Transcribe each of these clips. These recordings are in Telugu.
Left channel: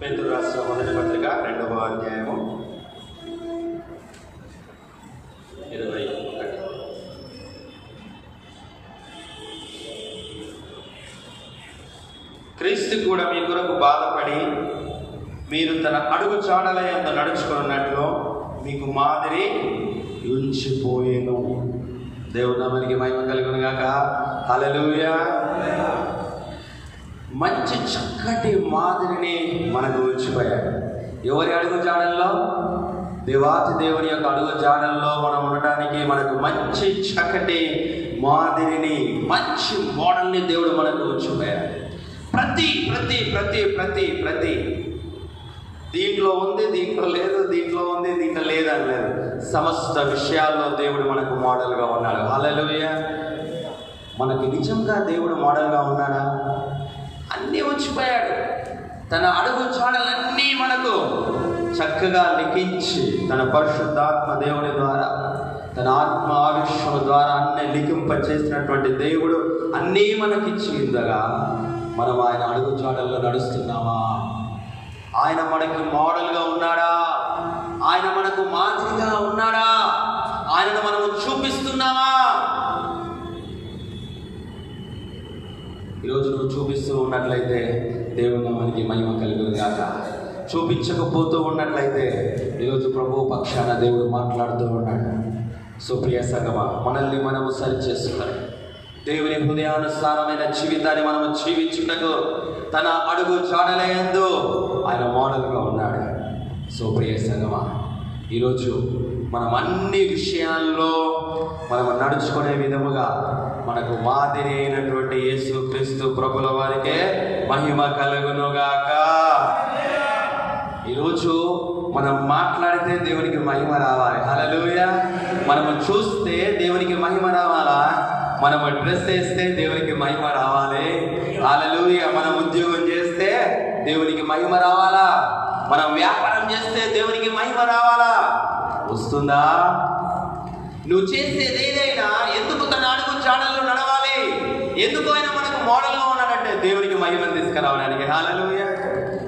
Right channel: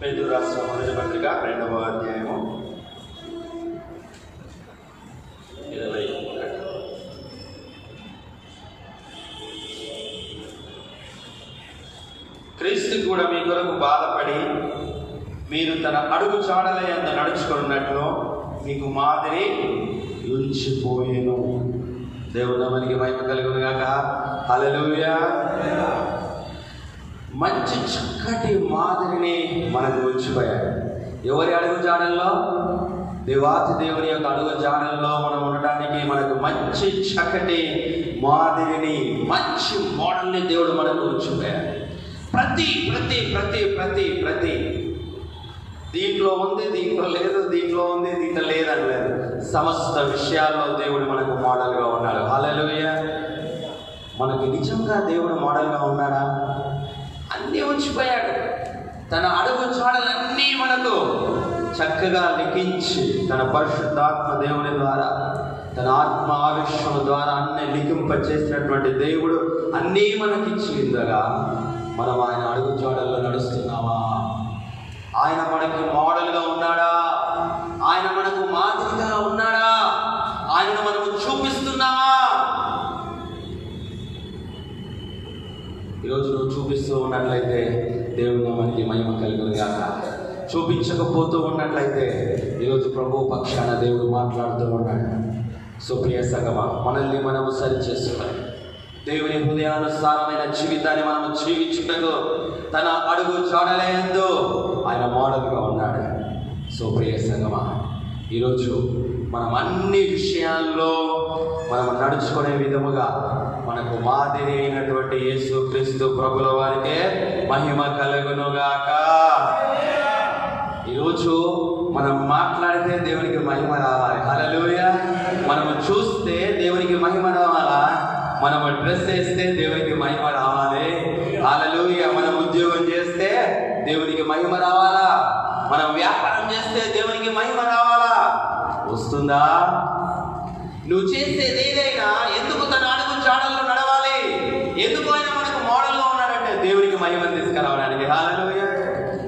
పేతురు రాసిన మొదటి పత్రిక 2వ అధ్యాయము 20. క్రీస్తు కూడా మీ కొరకు బాధపడి మీరు తన అడుగు చాడల యందు నడుచుకున్నట్లు మీకు మాదిరి ఉంచిపోయేను. దేవుడు మనకి మహిమ కలుగును గాక. హల్లెలూయా. మంచి చక్కటి మాదిరిని మనకు ఉంచిపోయాడు. ఎవరి అడుగు జాడల్లో? దేవాతి దేవుని యొక్క అడుగు జాడల్లో మనం ఉండడానికి మనకు మంచి చక్కటి మాదిరిని, మంచి మోడల్ని దేవుడు మనకు ఉంచిపోయాడు. ప్రతి ప్రతి ప్రతి ప్రతి ప్రతి దీంట్లో ఉంది, దీంట్లో లేదు, దీంట్లో ఉంది, దీంట్లో లేదని లేదు. సమస్త విషయాల్లో దేవుడు మనకు మోడల్గా ఉన్నాడు. హల్లెలూయా. మనకి నిజంగా దేవుడు మోడల్గా ఉన్నాడా? అన్నీ ఉంచిపోయాడు. తన అడుగు చాడలన్నీ మనకు చక్కగా లిఖించి తన పరిశుద్ధాత్మ దేవుని ద్వారా, తన ఆత్మ ఆవిష్యం ద్వారా అన్ని లిఖింప చేసినటువంటి దేవుడు అన్నీ మనకిచ్చి ఉండగా మనం ఆయన అడుగు చాడల్లో నడుస్తున్నామా? ఆయన మనకు మోడల్గా ఉన్నాడా? ఆయన మనకు మాదిరిగా ఉన్నాడా? ఆయనను మనము చూపిస్తున్నామా? ఈరోజు నువ్వు చూపిస్తూ ఉన్నట్లయితే దేవుడు మనకి మహిమ కలుగును గాక. చూపించకపోతూ ఉన్నట్లయితే ఈరోజు ప్రభు పక్షాన దేవుడు మాట్లాడుతూ ఉన్నాడు. సుప్రియ సంగమా, మనల్ని మనము సరి చేసుకోవాలి. దేవుని హృదయానుసారమైన జీవితాన్ని మనము జీవించుటకు తన అడుగు చాడలయందు ఆయన మోడల్గా ఉన్నాడు. సుప్రియ సంగమా, ఈరోజు మనం అన్ని విషయాల్లో మనం నడుచుకునే విధముగా మనకు మాదిరి అయినటువంటి యేసు క్రీస్తు ప్రభుల వారికే మహిమ కలుగునుగాక. ఈరోజు మనం మాట్లాడితే దేవునికి మహిమ రావాలి. హల్లెలూయా. మనము చూస్తే దేవునికి మహిమ రావాలా? మనము డ్రెస్ వేస్తే దేవునికి మహిమ రావాలి. హల్లెలూయా. మనం ఉద్యోగం చేస్తే దేవునికి మహిమ రావాలా? మనం వ్యాపారం చేస్తే దేవునికి మహిమ రావాలా? వస్తుందా? నువ్వు చేసేది ఏదైనా ఎందుకు తన అడుగు చాడల్లో నడవాలి? ఎందుకు ఆయన మనకు మోడల్గా ఉన్నాడంటే దేవునికి మహిమను తీసుకురావడానికి. హల్లెలూయా.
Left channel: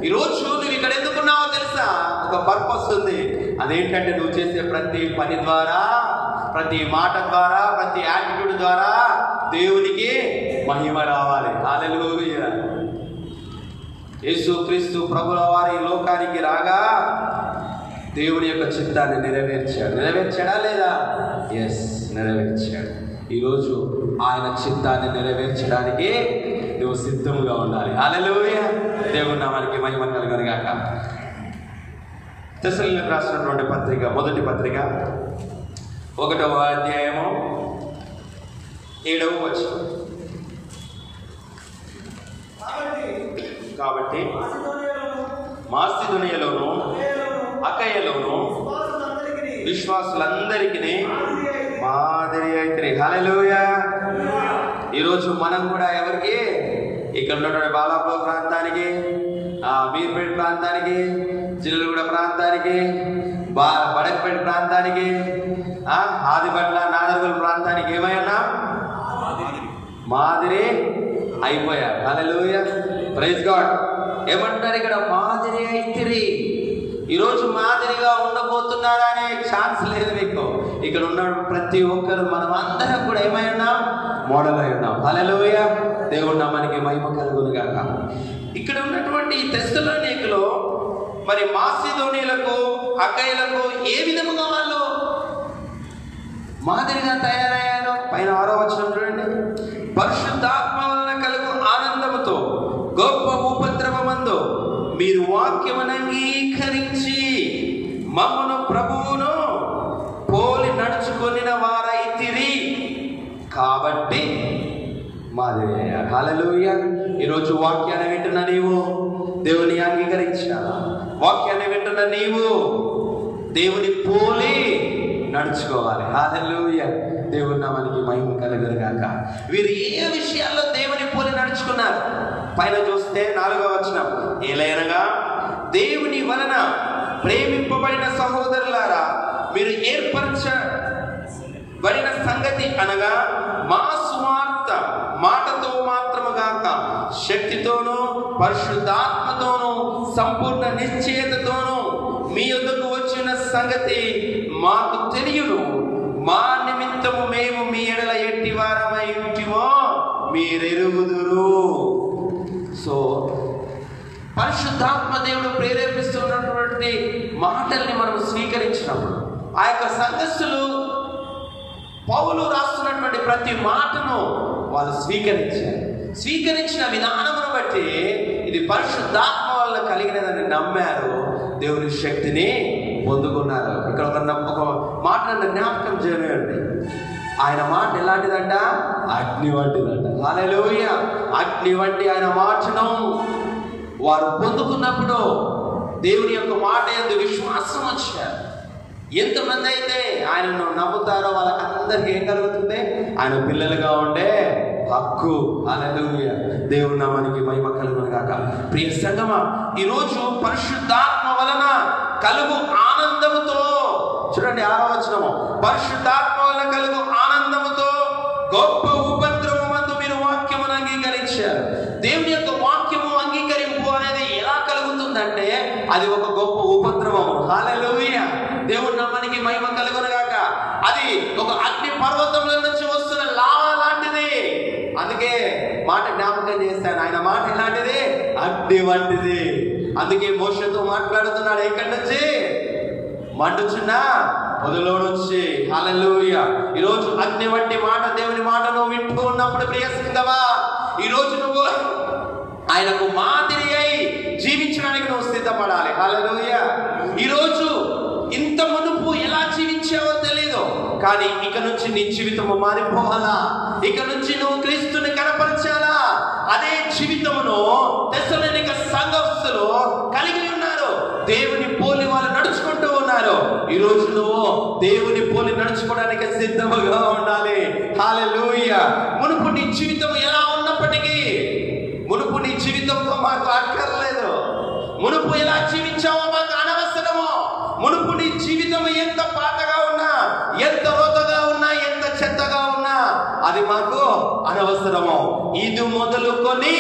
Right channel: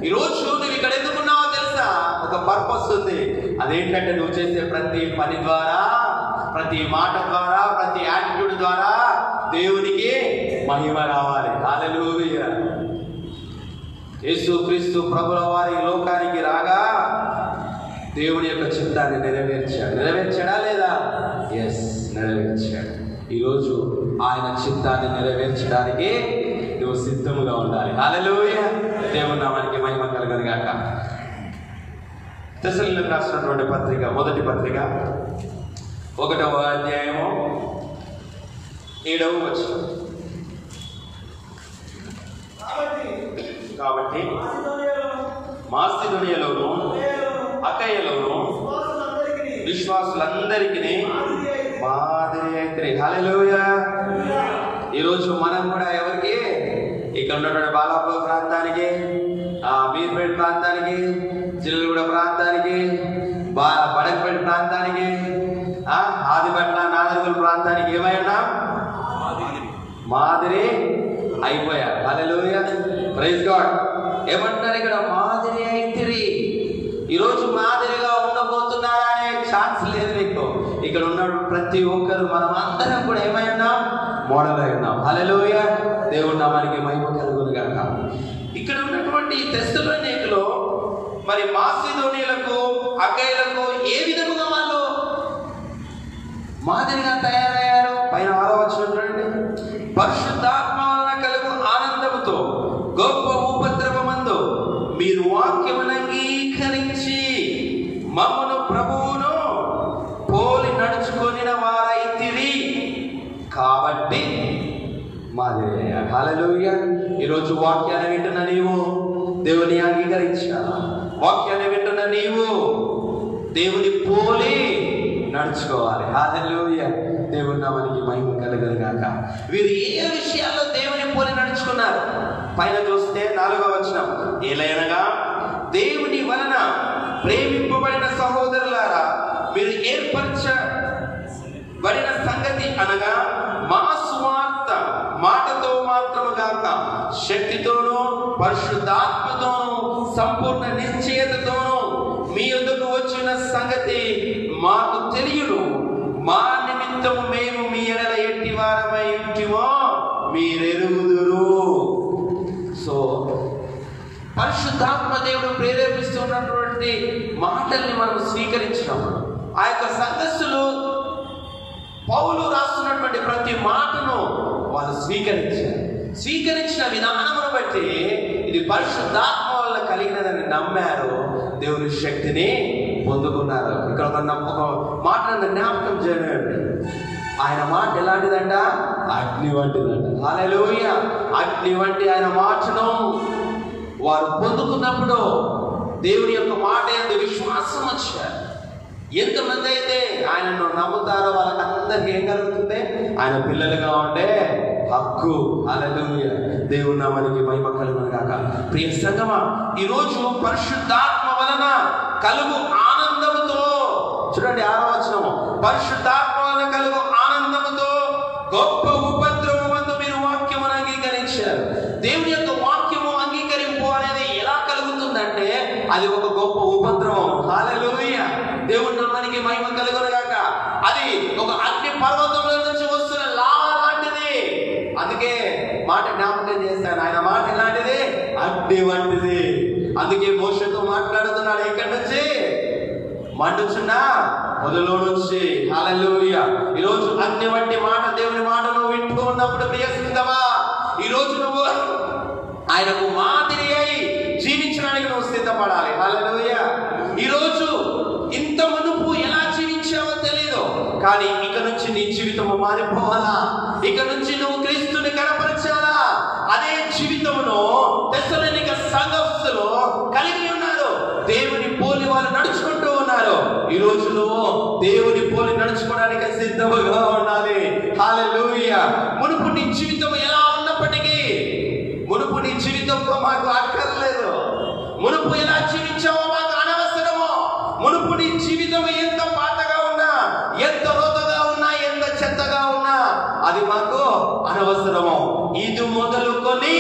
ఈరోజు నువ్వు ఇక్కడ ఎందుకున్నావో తెలుసా? ఒక పర్పస్ ఉంది. అదేంటంటే నువ్వు చేసే ప్రతి పని ద్వారా, ప్రతి మాట ద్వారా, ప్రతి యాటిట్యూడ్ ద్వారా దేవునికి మహిమ రావాలి. హల్లెలూయా. యేసు క్రీస్తు ప్రభుల వారి లోకానికి రాగా దేవుని యొక్క చిత్తాన్ని నెరవేర్చాడు. నెరవేర్చాడా లేదా? ఎస్, నెరవేర్చాడు. ఈరోజు ఆయన చిత్తాన్ని నెరవేర్చడానికి నువ్వు సిద్ధంగా ఉండాలి. హల్లెలూయా. దేవుని నామానికి మహిమ కలుగును గాక. తెస్సలోనికీయులకు రాసినటువంటి పత్రిక, మొదటి పత్రిక 1వ అధ్యాయము 7వ వచనం. కాబట్టి మాసిదోనియలోను అకయలోను విశ్వాసులందరికీ మాదిరి అయితే. హల్లెలూయా. ఈరోజు మనం కూడా ఎవరికి? ఇక్కడ ఉన్నటువంటి బాలాపూర్ ప్రాంతానికి, మీర్పేట ప్రాంతానికి, జిల్లగూడ ప్రాంతానికి, బడపేట ప్రాంతానికి, ఆదిపట్ల నాదర్గల్ ప్రాంతానికి ఏమై ఉన్నాం? మాదిరి అయిపోయారు. హల్లెలూయా. Praise God. ఏమంటారు ఇక్కడ? మాదిరి అయితిరి. ఈరోజు మాదిరిగా ఉండబోతున్నారా అనే ఛాన్స్ లేదు నీకు. ఇక్కడ ఉన్న ప్రతి ఒక్కరు మనం అందరం కూడా ఏమై ఉన్నాం? మోడల్ అయి ఉన్నాం. హల్లెలూయా. దేవుడు నామానికి మహిమ కలుగును గాక. ఇక్కడ ఉన్నటువంటి తెస్సలోనికీయులలో మరి మాసిదోనియులకు, అకయలకు ఏ విధముగా వాళ్ళు మాదిరిగా తయారయ్యారు? పైన 6వ వచనం చూడండి. పరిశుద్ధాత్మ వలన కలుగు ఆనందముతో గొప్ప ఉపద్రవమందు మీరు వాక్యమును అంగీకరించి మమ్మను ప్రభువును పోలి నడుచుకొనిన వారైతిరి కాబట్టి మాదిరి. హల్లెలూయా. ఈరోజు వాక్యాన్ని వింటున్న నీవు దేవుని అంగీకరించావు. వాక్యాన్ని వింటున్న నీవు దేవుని పోలి నడుచుకోవాలి. హల్లెలూయా. దేవుని నామానికి మహిమ కలుగును గాక. వీరు ఏ విషయాల్లో దేవుని పోలి నడుచుకున్నారు? పైన చూస్తే 4వ వచనం. ఏలైనగా దేవుని వలన ప్రేమింపబడిన సహోదరులారా, మీరు ఏర్పరచబడిన సంగతి అనగా మా సువార్త మాటతో మాత్రము గాక శక్తితోనూ పరిశుద్ధాత్మతోనూ సంపూర్ణ నిశ్చయతతోనూ మీ యొద్దకు వచ్చిన సంగతి మాకు తెలియదు. మా నిమిత్తము మేము మీ ఎడల ఎట్టి వారమై ఉంటిమో మీరెరుగుదురు. సో పరిశుద్ధాత్మ దేవుడు ప్రేరేపిస్తున్నటువంటి మాటల్ని మనం స్వీకరించినప్పుడు ఆ యొక్క సంఘస్థులు పౌలు రాస్తున్నటువంటి ప్రతి మాటను వాళ్ళు స్వీకరించిన విధానమును బట్టి ఇది పరిశుద్ధాత్మ వల్ల కలిగినదని నమ్మారు, దేవుని శక్తిని పొందుకున్నారు. ఇక్కడ ఒక మాటను జ్ఞాపకం చేయలేండి. ఆయన మాట ఎలాంటిదంట? అగ్ని వంటిదంట. హల్లెలూయా. అగ్ని వంటి ఆయన మాటను వారు పొందుకున్నప్పుడు దేవుని యొక్క మాట యందు విశ్వాసం వచ్చారు. ఎంతమంది అయితే ఆయనను నమ్ముతారో వాళ్ళకందరికీ ఏం కలుగుతుంది? ఆయన పిల్లలుగా ఉండే హక్కు. హల్లెలూయా. దేవుని నామానికి మహిమ కలుగును గాక. ప్రియ సంగమా, ఈరోజు పరిశుద్ధాత్మ వలన కలుగు ఆనందముతో, చూడండి 6వ వచనము, పరిశుద్ధాత్మ వలన కలుగు ఆనందముతో గొప్ప ఉపద్రవమందు మీరు వాక్యమును అంగీకరించారు. దేవుని యొక్క వాక్యము అంగీకరింపు అనేది ఎలా కలుగుతుందంటే అది ఒక గొప్ప ఉపద్రవం. హల్లెలూయా. దేవుని నామానికి మహిమ కలుగును గాక. అది ఒక అగ్ని పర్వతంలో నుంచి వస్తున్న లావా లాంటిది. అందుకే మాట జ్ఞాపకం చేస్తాను, ఆయన మాట ఎలాంటిది? అగ్ని వంటిది. అందుకే మోషేతో మాట్లాడుతున్నాడు, ఎక్కడి నుంచి? మండుచున్న మొదలో నుంచి. హల్లెలూయా. ఈరోజు అగ్ని వంటి మాట, దేవుని మాట నువ్వు వింటూ ఉన్నప్పుడు ప్రియ సంగమా, ఈరోజు నువ్వు ఆయనకు మాదిరి అయి జీవించడానికి నువ్వు సిద్ధపడాలి. హల్లెలూయా. ఈరోజు ఇంత మునుపు ఎలా జీవించావో తెలీదు, కానీ ఇక నుంచి నీ జీవితము మారిపోవాలా. ఇక నుంచి నువ్వు క్రీస్తుని కనపరచాలా. అదే జీవితమును తెస్సలోనిక సంఘస్థులు కలిగి ఉన్నారు. దేవుని పోలి వారు నడుచుకుంటూ ఉన్నారు. ఈరోజు నువ్వు దేవుని పోలి నడుచుకోవడానికి సిద్ధముగా ఉండాలి. హల్లెలూయా. మునుపు నీ జీవితం ఎలా ఉన్నప్పటికీ, మునుపు నీ జీవితంతో మాకు అక్కర్లేదు. మునుపు ఎలా జీవించావో మాకు అనవసరము. మునుపు నీ జీవితం ఎంత పాతగా ఉన్నా, ఎంత రోతగా ఉన్నా, ఎంత చెత్తగా ఉన్నా అది మాకు అనవసరము. ఇది మొదలుకొని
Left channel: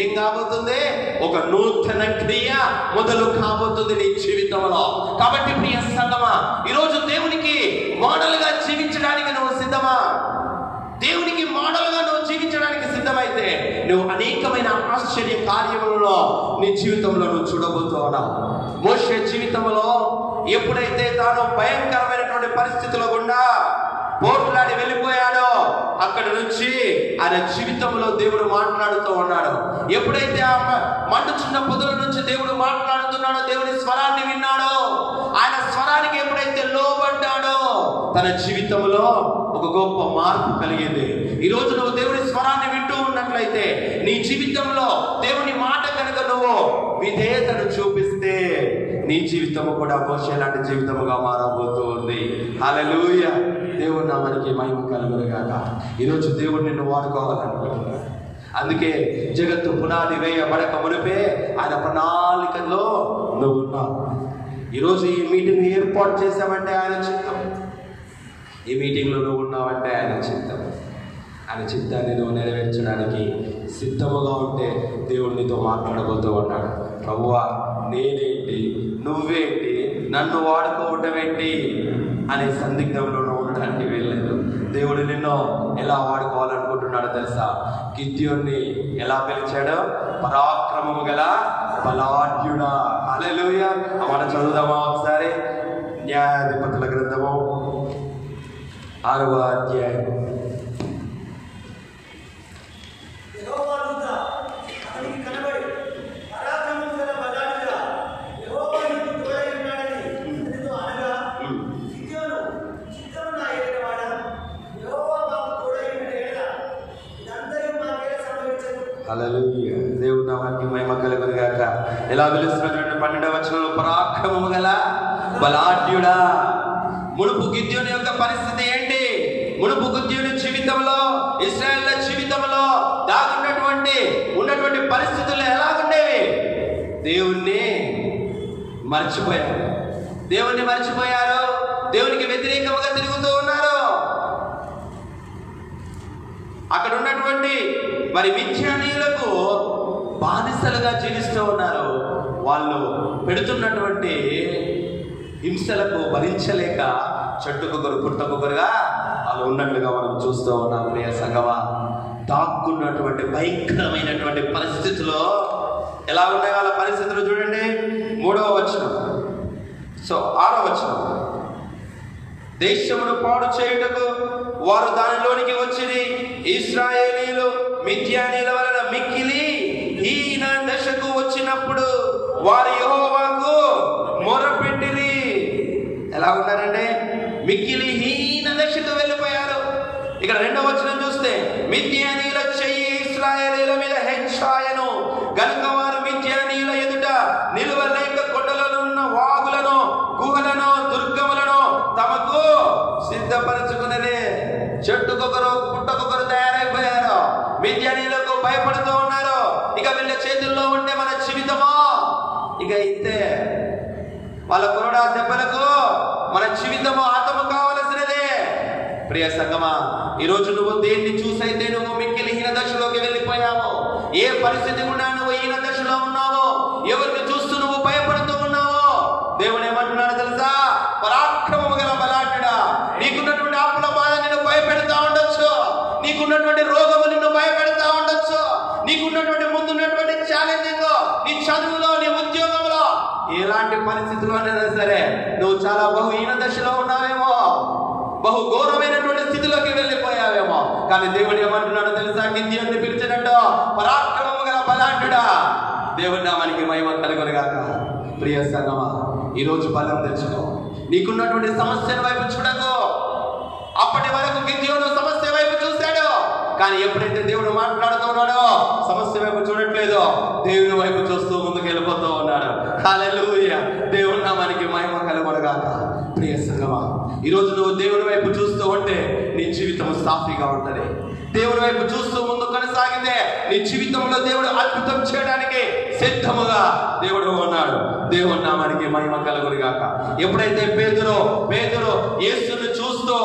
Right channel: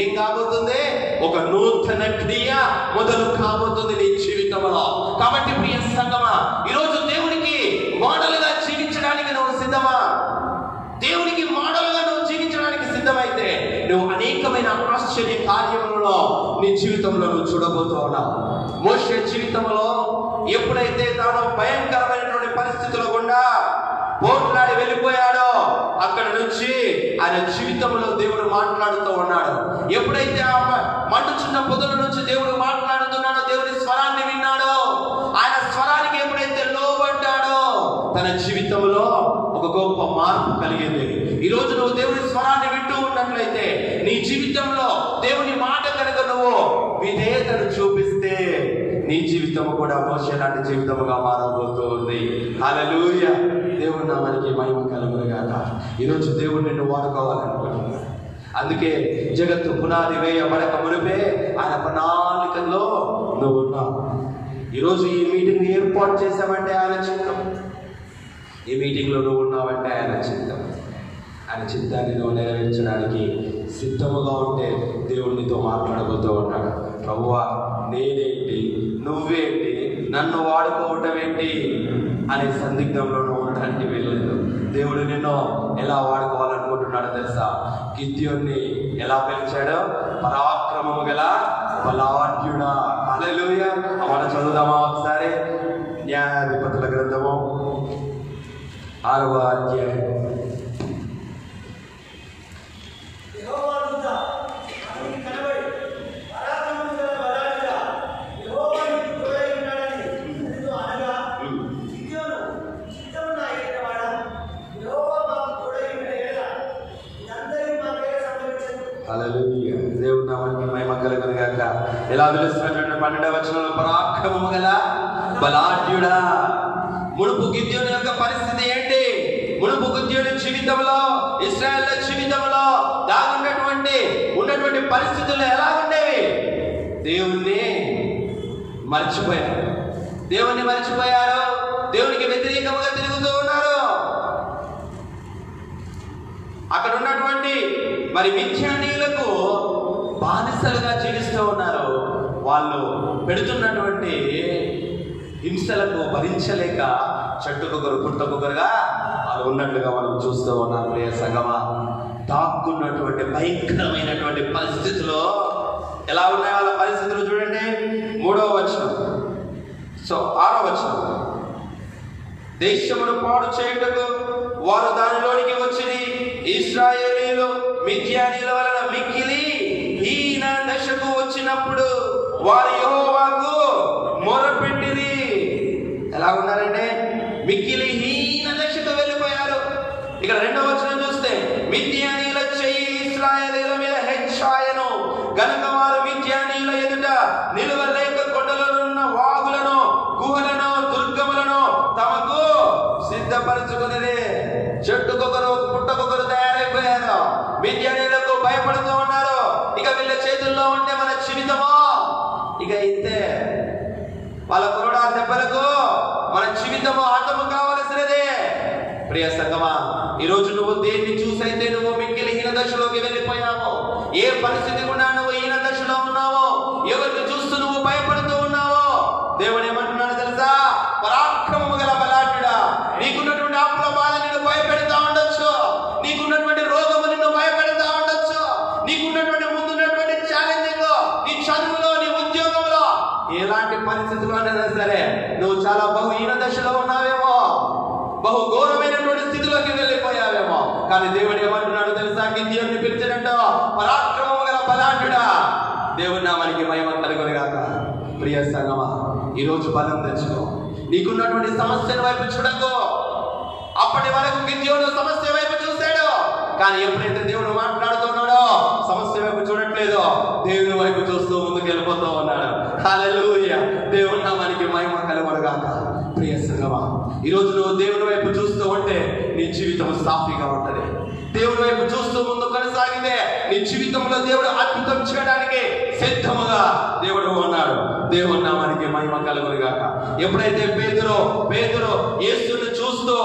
ఏం కాబోతుంది? ఒక నూతన క్రియ మొదలు కాబోతుంది నీ జీవితంలో. కాబట్టి ప్రియ సంగమా, ఈరోజు దేవునికి మోడల్గా జీవించడానికి నువ్వు సిద్ధమా? దేవునికి మోడల్గా నువ్వు జీవించడానికి సిద్ధమైతే నువ్వు అనేకమైన ఆశ్చర్య కార్యములలో నీ జీవితంలో నువ్వు చూడబోతూ ఉన్నావు. మోషే జీవితంలో ఎప్పుడైతే తాను భయంకరమైనటువంటి పరిస్థితుల గుండా పోట్లాడి వెళ్ళిపోయాడో అక్కడి నుంచి ఆయన జీవితంలో దేవుడు మాట్లాడుతూ ఉన్నాడు. ఎప్పుడైతే ఆ మండుచున్న పొదల నుంచి దేవుడు మాట్లాడుతున్నాడో, దేవుని స్వరాన్ని విన్నాడో, ఆయన స్వరానికి ఎప్పుడైతే లోబడ్డాడో తన జీవితంలో ఒక గొప్ప మార్పు కలిగింది. ఈరోజు నువ్వు దేవుని స్వరాన్ని వింటూ ఉన్నట్లయితే నీ జీవితంలో దేవుని మాట కనుక నువ్వు విధేయతను చూపిస్తే నీ జీవితం కూడా మోషే లాంటి జీవితముగా మారబోతూ ఉంది. హల్లెలూయా. దేవుని నామానికి మహిమ కలుగును గాక. ఈరోజు దేవుడు నిన్ను వాడుకోవాలనుకుంటున్నాడు. అందుకే జగత్తు పునాది వేయబడక మునిపే ఆయన ప్రణాళికల్లో నువ్వు ఉన్నావు. ఈరోజు ఈ మీటింగ్ ఏర్పాటు చేశామంటే ఆయన చిత్తం. ఈ మీటింగ్లో నువ్వు ఉన్నావంటే ఆయన చిత్తం. ఆయన చిత్తాన్ని నువ్వు నెరవేర్చడానికి సిద్ధముగా ఉంటే దేవుడు నీతో మాట్లాడబోతూ ఉన్నాడు. ప్రభువా, నేనేంటి, నువ్వేంటి, నన్ను వాడుకోవటం ఏంటి అనే సందిగ్ధంలో నువ్వు ఉండడానికి వెళ్ళలేదు. దేవుడు నిన్ను ఎలా వాడుకోవాలనుకుంటున్నాడో తెలుసా? గిద్యోన్ని ఎలా పిలిచాడో? పరాక్రమము గల బలాఢ్యుడా. హల్లెలూయా. మనం చదువుదామా ఒకసారి? న్యాయాధిపతుల గ్రంథము 6వ అధ్యాయం. దేవుని నామానికి మహిమ కలుగును గాక. ఎలా పిలుస్తున్నటువంటి 12వ వచనంలో పరాక్రమము గల బలాఢ్యుడా. మునుపు గిద్యోను యొక్క పరిస్థితి ఏంటి? మునుపు గిద్యోను జీవితంలో, ఇశ్రాయేలు జీవితంలో ఉన్నటువంటి పరిస్థితులు ఎలా ఉండేవి? దేవుణ్ణి మర్చిపోయారు. దేవునికి వ్యతిరేకంగా తిరుగుతూ ఉన్నారు. అక్కడ ఉన్నటువంటి మరి మిథ్యానీయులకు బానిసలుగా జీవిస్తూ ఉన్నారు. పెడుతున్నటువంటి హింసలకు భరించలేక చెట్టుకొకరు పుట్టకొకరుగా వాళ్ళు ఉన్నట్లుగా మనం చూస్తూ ఉన్నాం. ప్రియ సంగమా, దాక్కున్నటువంటి భయంకరమైనటువంటి పరిస్థితుల్లో ఎలా ఉన్నాయి వాళ్ళ పరిస్థితులు చూడండి. 3వ వచనం, 6వ వచనం. దేశమును పాడు చేయుటకు వారు దానిలోనికి వచ్చిరి. ఇశ్రాయేలీయులు మిద్యానీయుల వలన మిక్కిలి హీన దశకు వచ్చినప్పుడు వారు యెహోవాకు మొరపెట్టిరి. ఎలా ఉన్నారంటే మిక్కిలి హీన దశకు వెళ్ళిపోయారు. ఇక్కడ 2వ వచనం చూస్తే మిద్యానీయుల చెయ్యి ఇశ్రాయేలీయుల మీద హెచ్చాయను గనుక వారు మిద్యానీయుల ఎదుట నిలువలేక కొండలలో ఉన్న వాగులను గుహలను దుర్గములను తమకు సిద్ధపరచుకున్నది. చెట్టుకొకరు పుట్టకొకరు తయారైపోయారు. మిద్యానీయులకు భయపడుతూ ఉన్నారు. ఇక వీళ్ళ చేతుల్లో ఉంటే మన జీవితమో ఇక ఇంతే. వాళ్ళ కొరడా దెబ్బలకు మన జీవితము అంతము కావలసినదే. ప్రియ సంగమా, ఈరోజు నువ్వు దేన్ని చూసైతే నువ్వు మిక్కిలి హీన దశలోకి వెళ్ళిపోయావో, ఏ పరిస్థితి ఉన్నా నువ్వు హీన దశలో ఉన్నావో, ఎవరిని చూస్తూ నువ్వు భయపడుతూ ఉన్నావో, దేవుడు ఏమంటున్నాడు తెలుసా? పరాక్రమము గల బలాఢ్యుడా, నీకున్నటువంటి ఆపుల బాధ నిన్ను భయపెడతా ఉండొచ్చు, నీకున్నటువంటి రోగము నిన్ను భయపెడతా ఉండొచ్చు, నీకున్నటువంటి ముందున్నటువంటి ఛాలెంజింగ్, నీ చదువులో, నీ ఉద్యోగంలో, ఎలాంటి పరిస్థితుల్లోనైనా సరే నువ్వు చాలా బహుహీన దశలో ఉన్నావేమో, బహు ఘోరమైనటువంటి స్థితిలోకి వెళ్ళిపోయావేమో. కానీ దేవుడు ఏమంటున్నాడు తెలుసా? గిద్యోనుని పిలిచినట్టు పరాక్రమము గల బలాఢ్యుడా, దేవుడి నామానికి మహిమ కలుగునుగాక. ప్రియ సంగమా, ఈరోజు బలం తెచ్చుకో. నీకున్నటువంటి సమస్యల వైపు చూడకు. అప్పటి వరకు గిద్యోను సమస్య వైపు చూశాడు, కానీ ఎప్పుడైతే దేవుడు మాట్లాడుతున్నాడో సమస్య వైపు చూడట్లేదో, దేవుని వైపు చూస్తూ ముందుకు వెళ్ళిపోతూ ఉన్నాడు. హల్లెలూయా, దేవుడి నామానికి మహిమ కలుగునుగాక. ప్రియ సంగమా, ఈరోజు నువ్వు దేవుని వైపు చూస్తూ ఉంటే నీ జీవితం సాఫీగా ఉంటది. దేవుని వైపు చూస్తూ ముందు కొనసాగితే నీ జీవితంలో దేవుడు అద్భుతం చేయడానికి సిద్ధముగా దేవుడు ఉన్నాడు. దేవుని నామానికి మహిమ కలుగునుగాక. ఎప్పుడైతే పేతురు యేసుని చూస్తూ,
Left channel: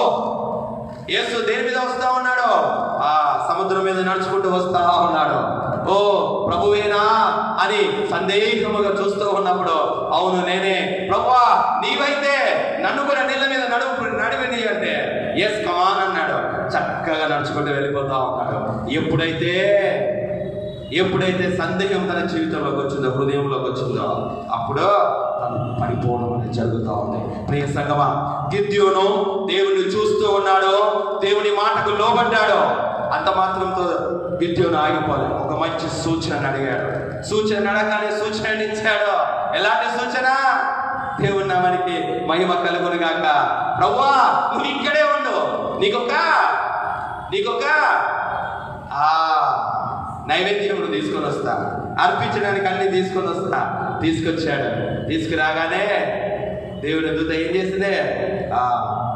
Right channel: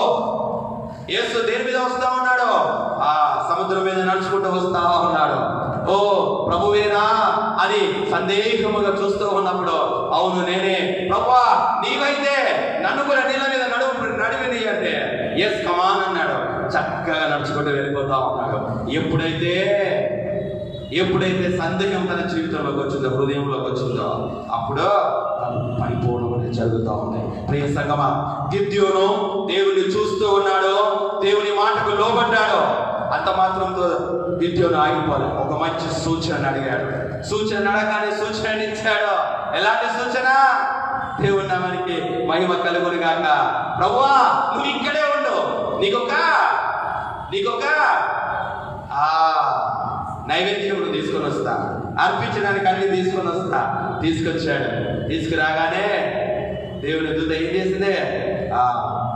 యేసు దేని మీద వస్తా ఉన్నాడో ఆ సముద్రం మీద నడుచుకుంటూ వస్తా ఉన్నాడు. ఓ ప్రభువేనా అని సందేహముగా చూస్తూ ఉన్నప్పుడు, అవును నేనే ప్రభువా, నీవైతే నన్ను కూడా నీళ్ళ మీద నడివిని అంటే ఎస్ కమాన్ అన్నాడు. చక్కగా నడుచుకుంటూ వెళ్ళిపోతా ఉన్నాడు. ఎప్పుడైతే సందేహం తన జీవితంలోకి వచ్చిందో, హృదయంలోకి వచ్చిందో, అప్పుడు పడిపోవడం అనేది జరుగుతూ ఉంది. ప్రియ సంగమా, గిద్యోను దేవుని చూస్తూ ఉన్నాడు, దేవుని మాటకు లోబడ్డాడు. అంత మాత్రంతో గిద్యోను ఆగిపోలేదు. ఒక మంచి సూచన అడిగాడు. సూచన అడగానే సూచన ఇచ్చాడు. ఎలాంటి సూచన? దేవుని నామానికి మహిమ కలుగునుగాక. ప్రభువా, నువ్వు ఇక్కడే ఉండు, నీకొక నైవేద్యం తీసుకొని వస్తా, అర్పించడానికి అన్ని తీసుకొని వస్తా. తీసుకొచ్చాడు. తీసుకురాగానే దేవుని దూత ఏం చేసిందే? ఆ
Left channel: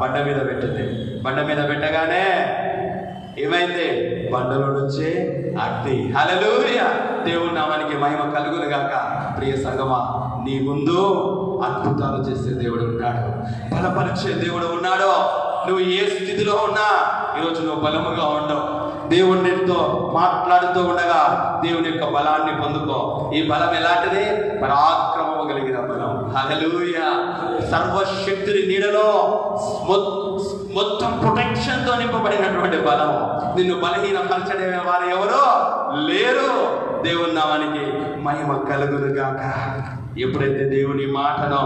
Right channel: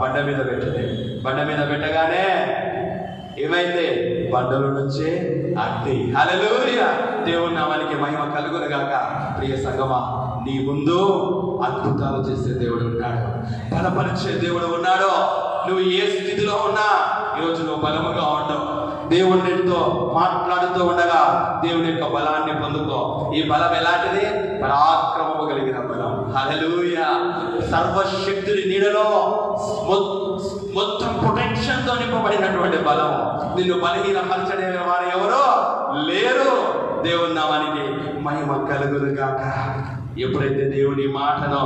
బండ మీద పెట్టింది. బండ మీద పెట్టగానే ఏమైంది? బండలో నుంచి అగ్ని. హల్లెలూయా, దేవుని నామానికి మహిమ కలుగునుగాక. ప్రియ సంగమా, నీ ముందు అద్భుతాలు చేసే దేవుడు ఉన్నాడు, బలపరిచే దేవుడు ఉన్నాడు. నువ్వు ఏ స్థితిలో ఉన్నా ఈరోజు నువ్వు బలముగా ఉండవు. దేవుడితో మాట్లాడుతూ ఉండగా దేవుని యొక్క బలాన్ని పొందుకో. ఈ బలం ఎలాంటిది? పరాక్రమము కలిగిన బలం. హల్లెలూయా, సర్వశక్తుని నీడలో మొత్తం ప్రొటెక్షన్ తో నింపబడినటువంటి బలం. నిన్ను బలహీనపరచడే వారు ఎవరో లేరు. దేవుని నామానికి మహిమ కలుగునుగాక. ఎప్పుడైతే దేవుని మాటను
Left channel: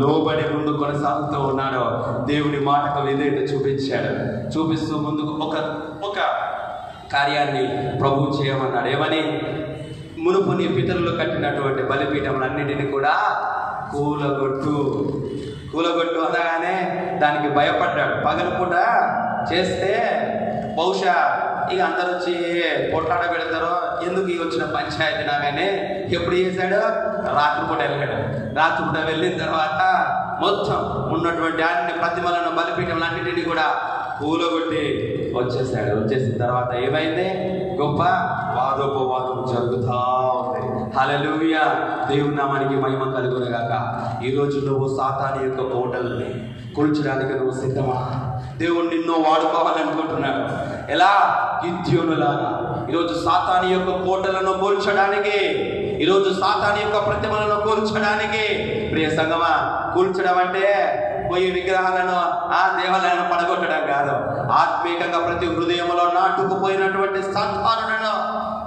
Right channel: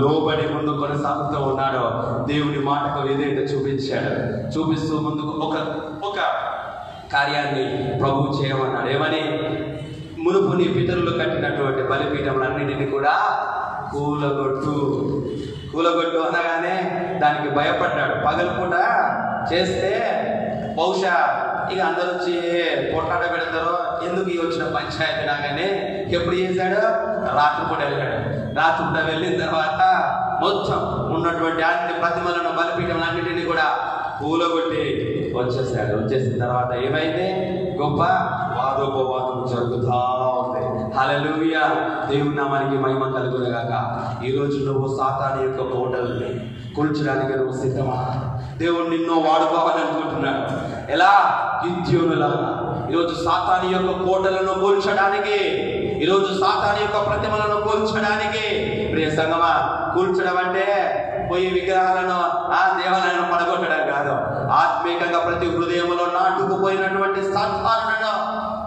లోబడి ముందు కొనసాగుతూ ఉన్నాడో, దేవుని మాటకు ఏదైతే చూపిస్తూ ముందుకు ఒక కార్యాన్ని ప్రభు చేయమన్నాడు. ఏమని? మునుపు నీ పితరులు కట్టినటువంటి బలిపీఠములన్నింటినీ కూడా కూలగొట్టు అనగానే దానికి భయపడ్డాడు. పగలపూట చేస్తే బహుశా ఇక అందరూ వచ్చి పొట్లాట పెడతారు, ఎందుకు ఈ వచ్చిన పంచాయతీ నాగానే ఎప్పుడు చేశాడు? రాత్రిపూట వెళ్ళాడు. రాత్రిపూట వెళ్ళిన తర్వాత మొత్తం ఉన్నటువంటి అన్ని ప్రతిమలను బలిపీఠములన్నింటినీ కూడా కూలగొట్టి వచ్చేసాడు. వచ్చేసిన తర్వాత ఏమైంది? గొప్ప వాదోపవాదం జరుగుతా ఉంది. హల్లెలూయా, దేవుని నామానికి మహిమ కలుగునుగాక. ఈ రోజు నువ్వు సాతాను యొక్క కోటల్ని కూల్చడానికి నువ్వు సిద్ధమా? దేవుడు నిన్ను వాడుకోవాలనుకుంటున్నాడు. ఎలా? గిద్యోనులాగా ఈరోజు సాతాను యొక్క కోటలను కూల్చడానికి, ఈరోజు సాతాను యొక్క ప్రతిమలను కూల్చడానికి సంగమా, కూల్చడం అంటే పోయి విగ్రహాలను ఆ దేవాలయాలను పడగొట్టడం కాదు. ఆత్మీయంగా ప్రతి హృదయంలో నాటుకుపోయినటువంటి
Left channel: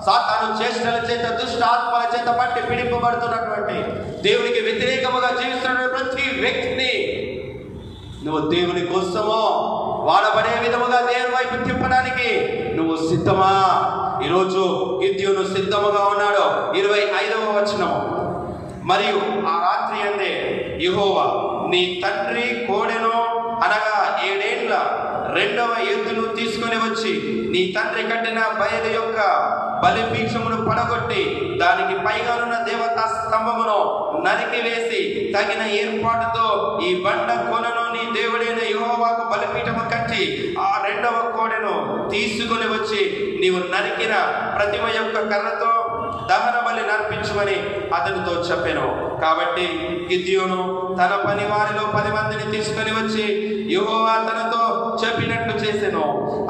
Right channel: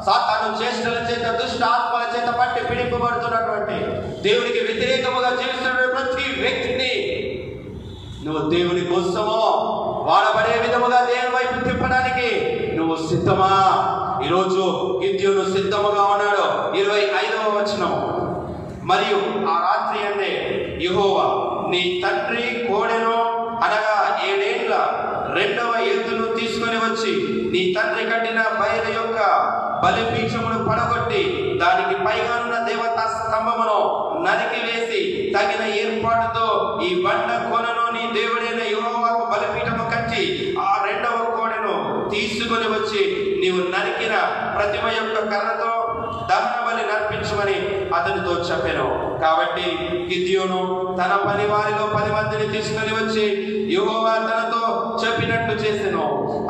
సాతాను చేష్టల చేత, దుష్ట ఆత్మల చేత పట్టి పీడింపబడుతున్నటువంటి, దేవునికి వ్యతిరేకముగా జీవిస్తున్న ప్రతి వ్యక్తిని నువ్వు దేవుని కోసమో వాడబడే విధముగా దేవుని వైపు తిప్పడానికి నువ్వు సిద్ధమా? ఈరోజు గిద్యోను సిద్ధముగా ఉన్నాడు. 25వ వచనం, మరియు ఆ రాత్రి అందే యెహోవా నీ తండ్రి కోడెను అనగా 7 ఏళ్ల రెండవ ఎద్దును తీసుకొని వచ్చి నీ తండ్రి కట్టిన బయలు యొక్క బలిపీఠమును పడగొట్టి దానికి పైగానున్న దేవతా స్తంభమును నరికి వేసి తగిన ఏర్పాటుతో ఈ బండ కొనను నీ దేవుడైన యెహోవాకు బలిపీఠము కట్టి ఆ రెండవ కోడెను తీసుకొని వచ్చి నీవు నరికిన ప్రతిమ యొక్క కర్రతో దహన బలి నర్పించమని అతనితో చెప్పెను. కాబట్టి గిద్యోను తన పని వారిలో 10 మందిని తీసుకొని వచ్చి యెహోవా తనతో చెప్పినట్లు చేసెను.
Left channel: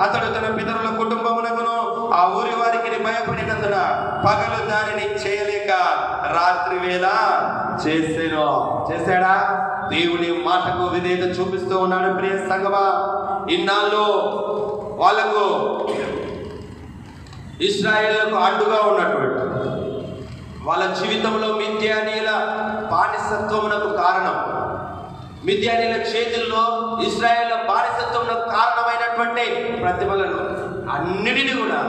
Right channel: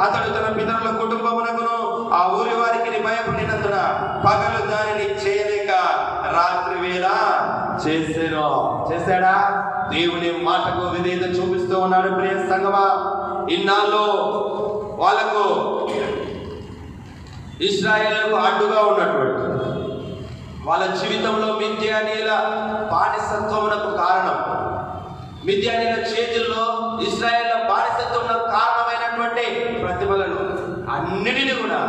అతడు తన పితరుల కుటుంబమునకును ఆ ఊరి వారికి భయపడినందున పగలు దానిని చేయలేక రాత్రి వేళ చేసెను. చేశాడా? దేవుని మాటకు విధేయత చూపిస్తూ ఉన్నాడు. ప్రియ సంగమా, ఇన్నాళ్ళు వాళ్ళకు ఇశ్రాయేలుకు అడ్డుగా ఉన్నటువంటి వాళ్ళ జీవితంలో మిద్యానీయుల బానిసత్వమునకు కారణం, మిద్యానీయుల చేతుల్లో ఇశ్రాయేళ్ల బానిసత్వమునకు కారణమైనటువంటి ప్రతిమలను అన్నిటిని కూడా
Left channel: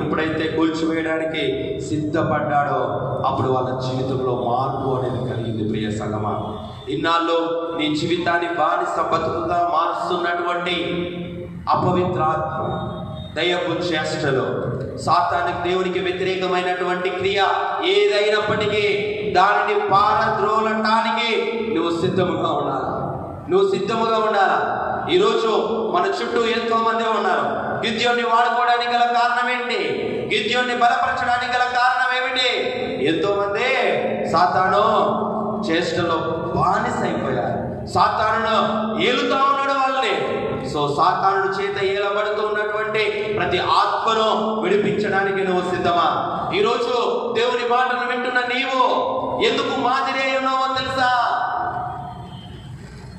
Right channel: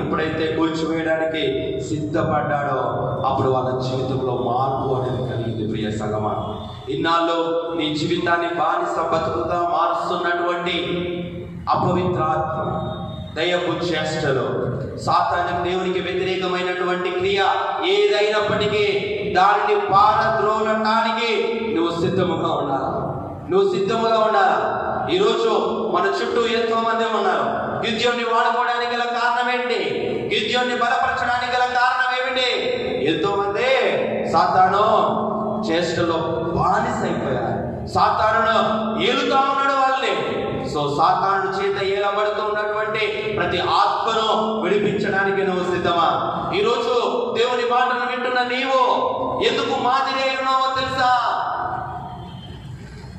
ఎప్పుడైతే కూల్చివేయడానికి సిద్ధపడ్డాడో అప్పుడు వాళ్ళ జీవితంలో మార్పు అనేది కలిగింది. ప్రియ సంగమా, ఇన్నాళ్ళు నీ జీవితాన్ని బానిస బతుకుతా మారుస్తున్నటువంటి అపవిత్రాత్మ, దయ్యపు చేష్టలు, సాతానికి దేవునికి వ్యతిరేకమైనటువంటి క్రియ ఏదైనప్పటికీ దానిని పారద్రోలటానికి నువ్వు సిద్ధముగా ఉండాలి. నువ్వు సిద్ధముగా ఉండాలా? ఈరోజు మన చుట్టూ ఎంతో మంది ఉన్నారు. గిద్యోన్ని వాడుకోవడానికి గల కారణం ఏంటి? గిద్యోన్ని బలపరచడానికి గల కారణం ఏమిటి? ఎంతో మంది సాతాను చేష్టలో బానిసైపోయారు. సాతాను ఏలుతా ఉన్నాడు వాళ్ళని. సో సాతాను చేత ఏలబడుతున్నటువంటి ప్రతి ఆత్మను విడిపించడానికి నువ్వు సిద్ధమా? ఈరోజు దేవుని మాటను వింటున్న నీవు ఎందుకు మాదిరి ఉన్నావో తెలుసా?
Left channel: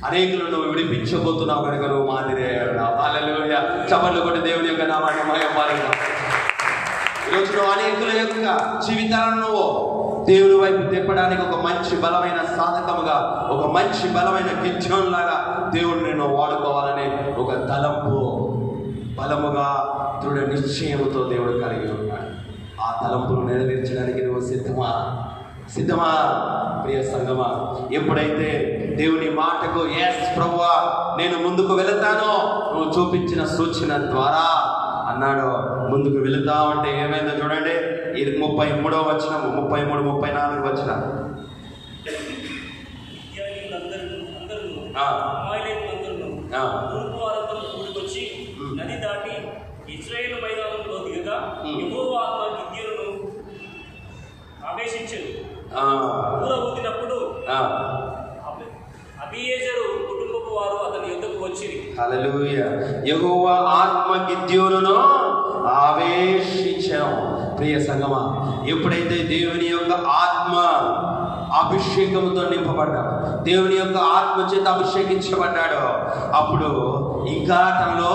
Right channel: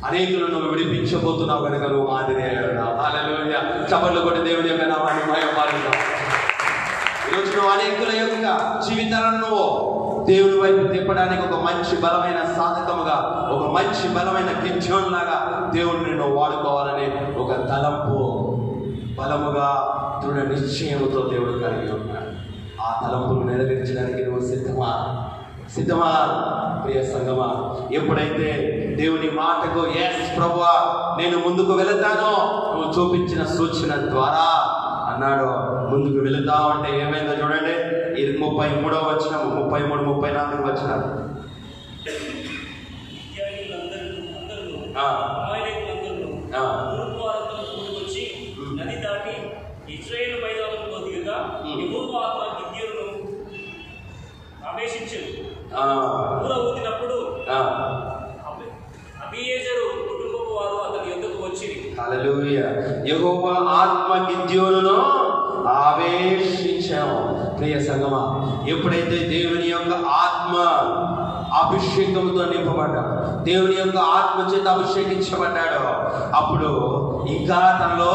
అనేకులు నువ్వు విడిపించబోతున్నావు కనుక నువ్వు మాదిరి ఉన్నావు. హల్లెలూయా! చప్పట్లు కొట్టి దేవుని యొక్క నామాన్ని మహిమపరుద్దాం. ఈరోజు నువ్వు అనేకుల యొక్క జీవితాలను నువ్వు దేవుని వైపు తిప్పడానికి ఒక మంచి బలమైన సాధకముగా, ఒక మంచి బలమైన గిద్యోను లాగా దేవుడు నిన్ను వాడుకోవాలని ఒక తలంపు, బలముగా దృఢ నిశ్చయంతో దేవుడు కలిగి ఉన్నాడు. ఆ తలంపును నెరవేర్చడానికి నువ్వు సిద్ధమా? సిద్ధమా? ప్రియ సంగమా, ఎప్పుడైతే దేవుని మాటకు ఎస్ ప్రభువా నేను ముందుకు వెళతానో నువ్వు చూపించిన సూచన ద్వారా అన్నాడు, ముందుకు వెళుతా ఉంటే ఏమైందో చూడండి. ఇది 33వ వచనం, 33, 34 వచనం. యెహోవా ఆత్మ గిద్యోనును ఆవేశించెను. ప్రియ సంగమా, ఎప్పుడైతే దేవుని యొక్క ఆత్మ అభిషేకంతో నింపబడ్డాడు, దేవుని యొక్క ఆత్మ చేత అభిషేకించబడ్డాడు, అప్పుడు ఇంకా తనలో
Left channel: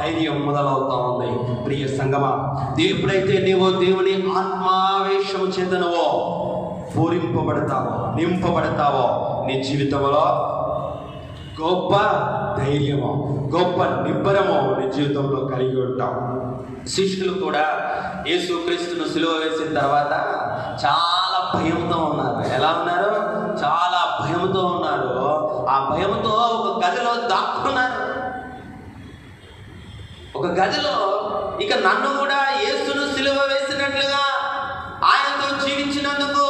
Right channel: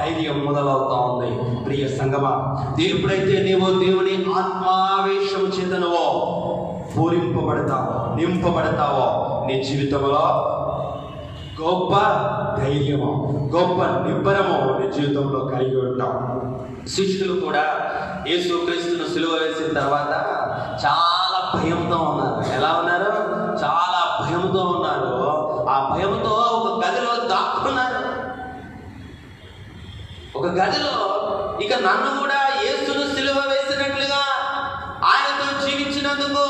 ధైర్యం మొదలవుతా ఉంది. ప్రియ సంగమా, ఎప్పుడైతే నీవు దేవుని ఆత్మావేశం చేత నువ్వు పూరింపబడతావో, నింపబడతావో, నీ జీవితంలో గొప్ప ధైర్యము, గొప్ప నిబ్బరము నీ జీవితంలో కలిగి ఉంటాం. శిష్యులు కూడా యేసుక్రీస్తును సిలువ వేసిన తర్వాత చాలా భయంతో ఉన్నారు. ఎలా ఉన్నారు? చాలా భయంతో ఉన్నారు. ఆ భయంతో ఒక గదిలో దాక్కున్నారు. ఒక గదిలో ఇక నన్ను కూడా యేసును సిలువ వేసినట్లుగా, ఆయనతో జీవించినందుకు,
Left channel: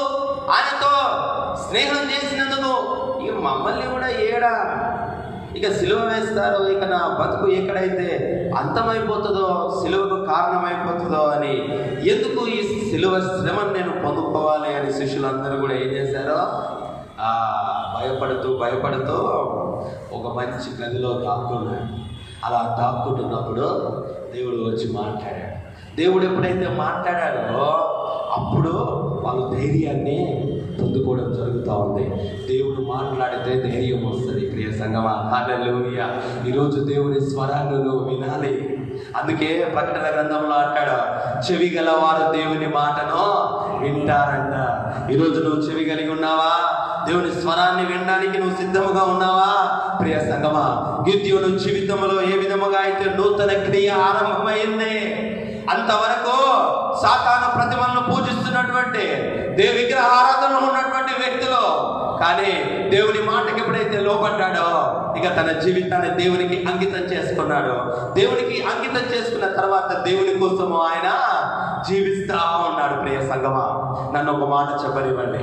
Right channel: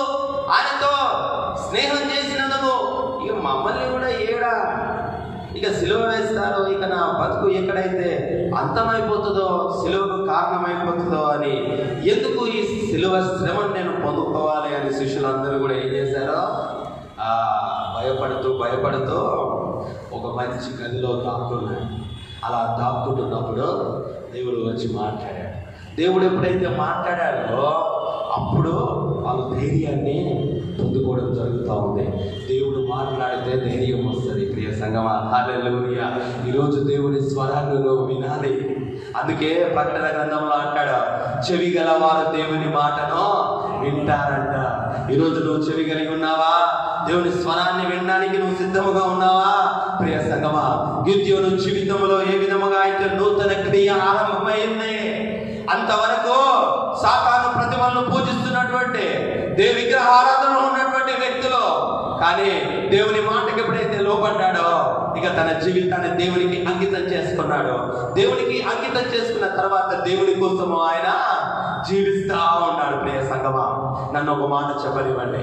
ఆయనతో స్నేహం చేసినందుకు ఇక మమ్మల్ని కూడా ఏడా ఇక సిలువ వేస్తారు, ఇక నా బతుకు ఎక్కడైతే అంతమైపోతుందో, సిలువకు కారణమైపోతుందో అని, ఎందుకు ఈ సిలువ శ్రమను నేను పొందుకోవాలి అని శిష్యులందరూ కూడా ఏం చేశారో భయపడుతూ ఒక మంచి గదిలో దాక్కున్నారు. అలా దాక్కుంటున్నప్పుడు దేవుడు వచ్చి మాట్లాడాడు. దేవుడు ఎప్పుడైతే మాట్లాడాడో అప్పుడు వాళ్ళ ధైర్యాన్ని పొందుకోవడం జరుగుతూ ఉంది. దేవుడు మాట్లాడితే ధైర్యం వస్తుంది. ప్రియ సంగమా, హల్లెలూయా. ఈరోజు దేవుని స్వరాన్ని వినాలి. అందుకే ప్రకటన గ్రంథంలో అంటాడు, చెవి గలవారు దేవుని మాటను వింటారంట. ఈరోజు నువ్వు చెవి కలిగి ఉన్నావా? దేవుని స్వరాన్ని వినడానికి నువ్వు సిద్ధముగా ఉన్నావా? ప్రియ సంగమా, గిద్యోను జీవితంలో ఏ విధముగా అయితే నూతన క్రియ ఆరంభమైంది, అంతవరకు సాతాను ప్రతిమలను పూజిస్తున్నటువంటి విగ్రహ ఆరాధనలో ఉన్నటువంటి వ్యక్తులు, కానీ దేవుని మాటకి ఎప్పుడైతే లోబడ్డాడో ఇక తన జీవితాన్ని దేవునికి అంకితం చేసుకున్నాడు. దేవునికి అంకితం చేసుకున్న తర్వాత దేవుని కోసం ఆయన జీవిస్తా ఉన్నాడు. ప్రియ సంగమా, నన్ను ఒక మాట చెప్పనివ్వండి.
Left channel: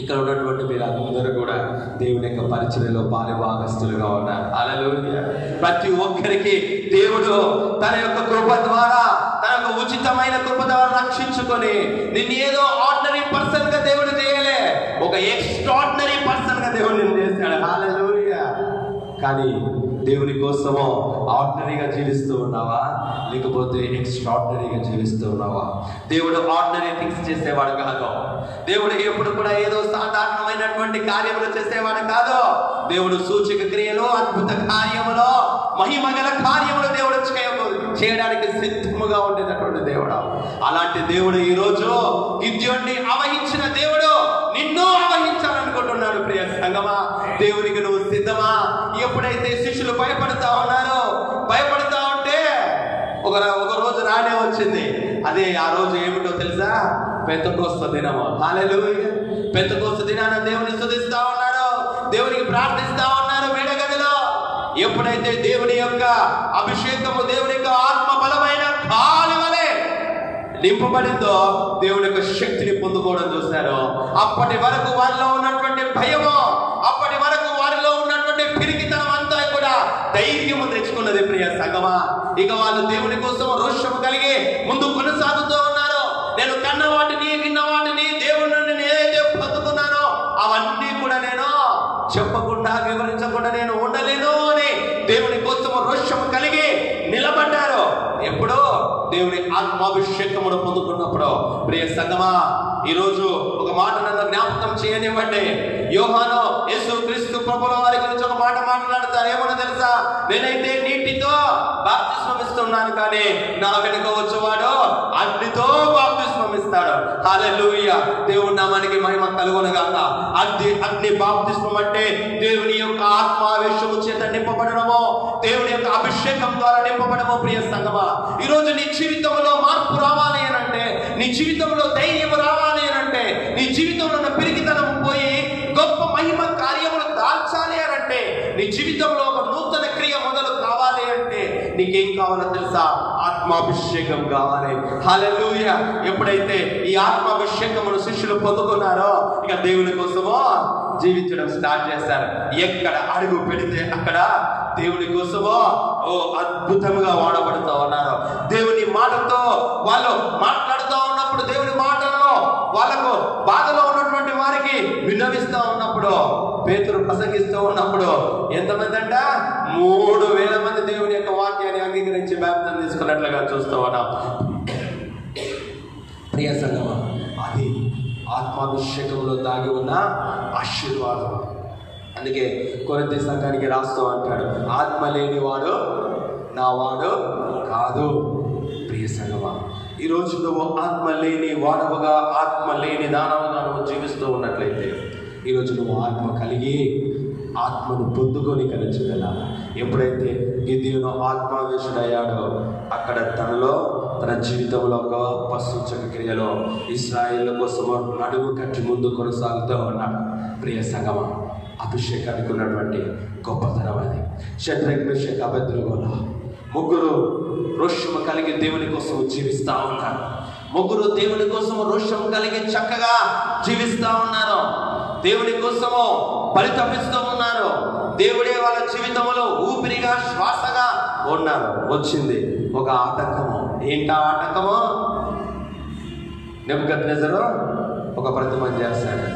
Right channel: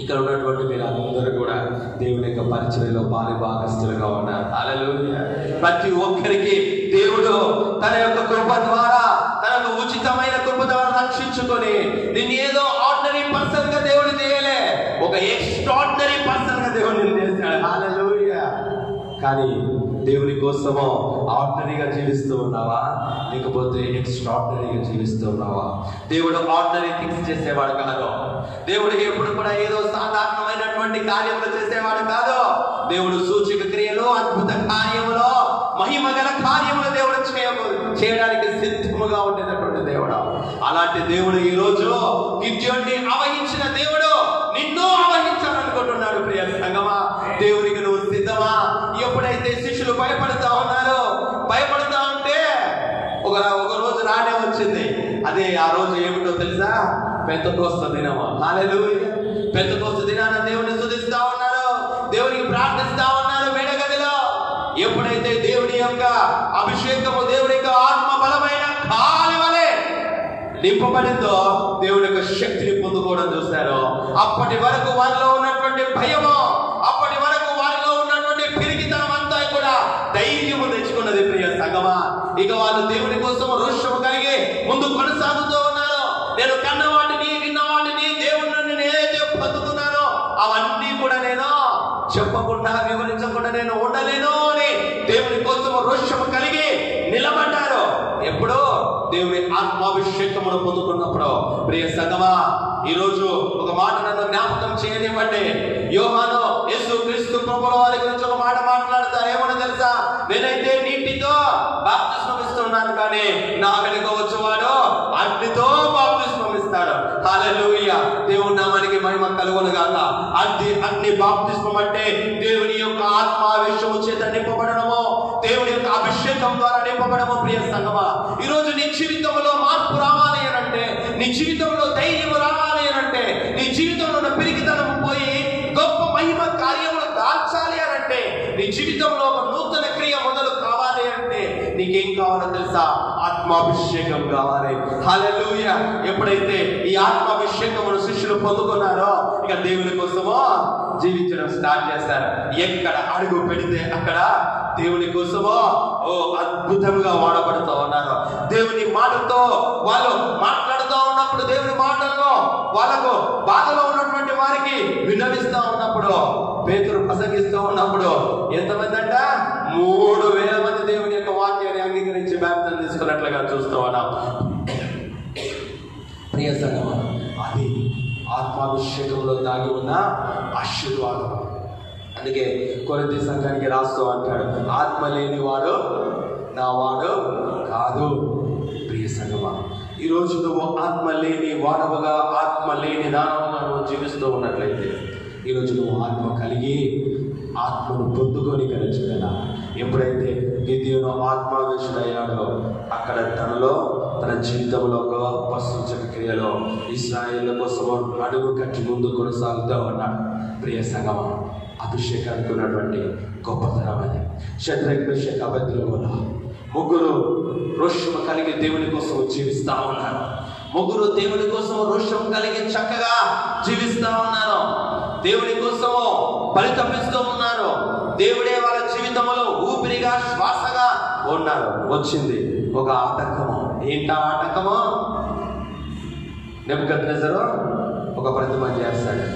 ఇక్కడ ఉన్నటువంటి మీరు అందరూ కూడా దేవుని యొక్క పరిచర్యలో పాలుభాగస్తులుగా ఉన్నారు. హల్లెలూయా. ప్రతి ఒక్కరికి దేవుడు తన యొక్క కృప ద్వారా, తన యొక్క ఉచితమైన కృప ద్వారా రక్షించుకొని నిన్ను ఏదో ఆర్డినరీ పర్సన్ గా దేవుడు చేయలే, ఒక ఎక్స్ట్రాడినరీ పర్సన్ గా దేవుడు నిన్ను చేశాడు. హల్లెలూయా. కానీ దేవుని కోసమో ఆర్డినరీగా జీవిస్తూ ఉన్నావా, లేకపోతే ఎక్స్ట్రాడినరీగా జీవిస్తూ ఉన్నావా? దేవుడు ఆర్డినరీ థింగ్స్ చేసేవాడు కాదు. దేవుడు ఎప్పుడు కూడా ఏదో సాధారణమైనటువంటి కార్యములు చేసేవాడు కాదు. దేవుడు సూచక క్రియలు, అద్భుత కార్యములు, మహిమ గల కార్యములు దేవుడు చేయడానికి సిద్ధముగా ఉండేటటువంటి దేవుడు. అలాంటి దేవుడు ఈ రోజు గిద్యోన్ని ఆవహించిన దేవుడు నిన్ను ఆవహించాలనుకుంటున్నాడు. ప్రియ సంగమా, దేవునికి నువ్వు సిద్ధమా? ఎప్పుడైతే శిష్యులు భయపడతా ఉన్నారో, భయపడతా ఉంటే ఒక రోజు రానే వచ్చింది. అదే ఆ రోజు ఏమిటో తెలుసా? పెంతెకోస్తు దినము. హల్లెలూయా. పెంతెకోస్తు దినాన దేవుని స్తుతిస్తా ఉన్నారు, దేవునికి ప్రార్థిస్తా ఉన్నారు మేడగదిలో. ఎప్పుడైతే దేవుని యొక్క అభిషేకము, దేవుని యొక్క ఆత్మ బలమైన గాలి వలె నింపబడిందో, దేవుని యొక్క శక్తిని పొందుకోవడం చూశారు. అప్పటి వరకు వారిలో ఉన్నటువంటి భయము, అప్పటి వరకు వారిలో ఉన్నటువంటి పిరికితనం అంతా కూడా ధైర్యము తెచ్చుకున్నది. ప్రియ సంగమా, ఇక వాళ్ళు దేవుని కోసం రోషము కలిగి ముందు కొనసాగుతూ ఉన్నారు. నేను కన్న వాటిని, విన్న వాటిని, దేవుని నేను ఏదైతే పొందుకున్నానో అవన్నీ కూడా నేను చెప్పకుండా, వివరించకుండా నేను ఉండలేను అని దేవుని కోసం రోషము కలిగి నిలబడ్డారు. ఎప్పుడో దేవుని ఆత్మాభిషేకమును పొందుకున్నప్పుడు. ప్రియ సంగమా, ఈ రోజు ఒక మాట నన్ను జ్ఞాపకం చేయనివ్వండి. యోహాను యేసుక్రీస్తు ప్రభుల వారి గురించి ఒక మాట మాట్లాడతారు. ఏమన్నా తెలుసా? నేనైతే నీటితో బాప్తిస్మం ఇస్తున్నాను, కానీ నా వెనుక వచ్చేవాడు అగ్నితో బాప్తిస్మం ఇస్తాడు. హల్లెలూయా. దేవుని నామానికి మహిమ కలుగునుగాక. అగ్ని బాప్తిస్మం అంటే దేవుని యొక్క ఆత్మావేశము చేత నింపబడడము, దేవుని యొక్క అభిషేకం ద్వారా నింపబడము. ప్రియ సంగమా, ఈ రోజు నీ జీవితంలో మార్పు రావాలి అని అంటే, నీ జీవితంలో ధైర్యం రావాలి అని అంటే, నీ జీవితంలో పిరికితనం పోయి గొప్ప మహిమ కార్యములు దాల్చాలి అని అంటే, నీ జీవితంలో ఒక నూతన క్రియ మొదలు కావాలి అంటే నీకేం కావాలో తెలుసా? ఆత్మాభిషేకం కావాలి. హల్లెలూయా. ఎప్పుడైతే ఈ ఆత్మాభిషేకమును శిష్యులు పొందుకున్నారో ఇక దేవుని కోసమో జీవించడం స్టార్ట్ చేస్తారు. ఎక్కడ అడుగు పెడితే అక్కడ దేవుని కోసమో అద్భుతంగా వాడబడుతూ ఉన్నారు. దేవుని మాటతో వాళ్ళు మాట్లాడుతూ ఉన్నప్పుడు, దేవుని మాటల్లో వాళ్ళకు బాధలో ఉన్నటువంటి వారికి విన్నవిస్తూ ఉన్నప్పుడు, పేతురు ప్రసంగిస్తూ ఉన్నప్పుడు ఎంతమంది అంట? 3,000 మంది దేవుని యొక్క వాక్యాన్ని అంగీకరించి బాప్తిసం తీసుకున్నట్లుగా చూస్తూ ఉన్నాం. ప్రియ సంగమా, అది ఆత్మాభిషేకంలో దాగి ఉన్న ఆశీర్వాదం. అందుకే కొరింథీ సంఘానికి రాస్తూ అంటాడు, ఆత్మ లేనివాడు నా వాడు కాదు. ప్రియ సంగమా, ఈరోజు నువ్వు ఆత్మ లేని వాడవగా, ఆత్మ లేని దానవుగా నువ్వు జీవిస్తూ ఉన్నట్లయితే, ఈరోజు నువ్వు ఆత్మ కలిగి ఆత్మను పొందుకొని కలిగించగల. ఎప్పుడైతే గిద్యోను ఆత్మావేశుడయ్యాడో అక్కడ తన జీవితంలో గొప్ప సూచక క్రియలో ఇశ్రాయేల్ కోసం అడుగు కట్టి ముందు కొనసాగుతూ ఉన్నాడు. ప్రియ సంగమా, అభిషేకానికి ఉన్నటువంటి గొప్పతనం అది. శద్రక్, మేషక్, అబేద్నెగోలు ముగ్గురు రోషము కలిగి దేవుని కోసం జీవిస్తా ఉన్నారు. ముగ్గురు దేవుని కోసం రోషము కలిగి చక్కగా జీవిస్తా ఉన్నారు. దేవుని కోసము పరితపిస్తూ ఉన్నారు. దేవుడే వాళ్ళ జీవితంలో ఊపిరిగా, శ్వాసగా ఉన్నారు. వచ్చింది ఒక ఆటంకము. ఏంటా ఆటంకము? నెబుకద్నెజరు ఒక ప్రతిమను చేస్తాడు.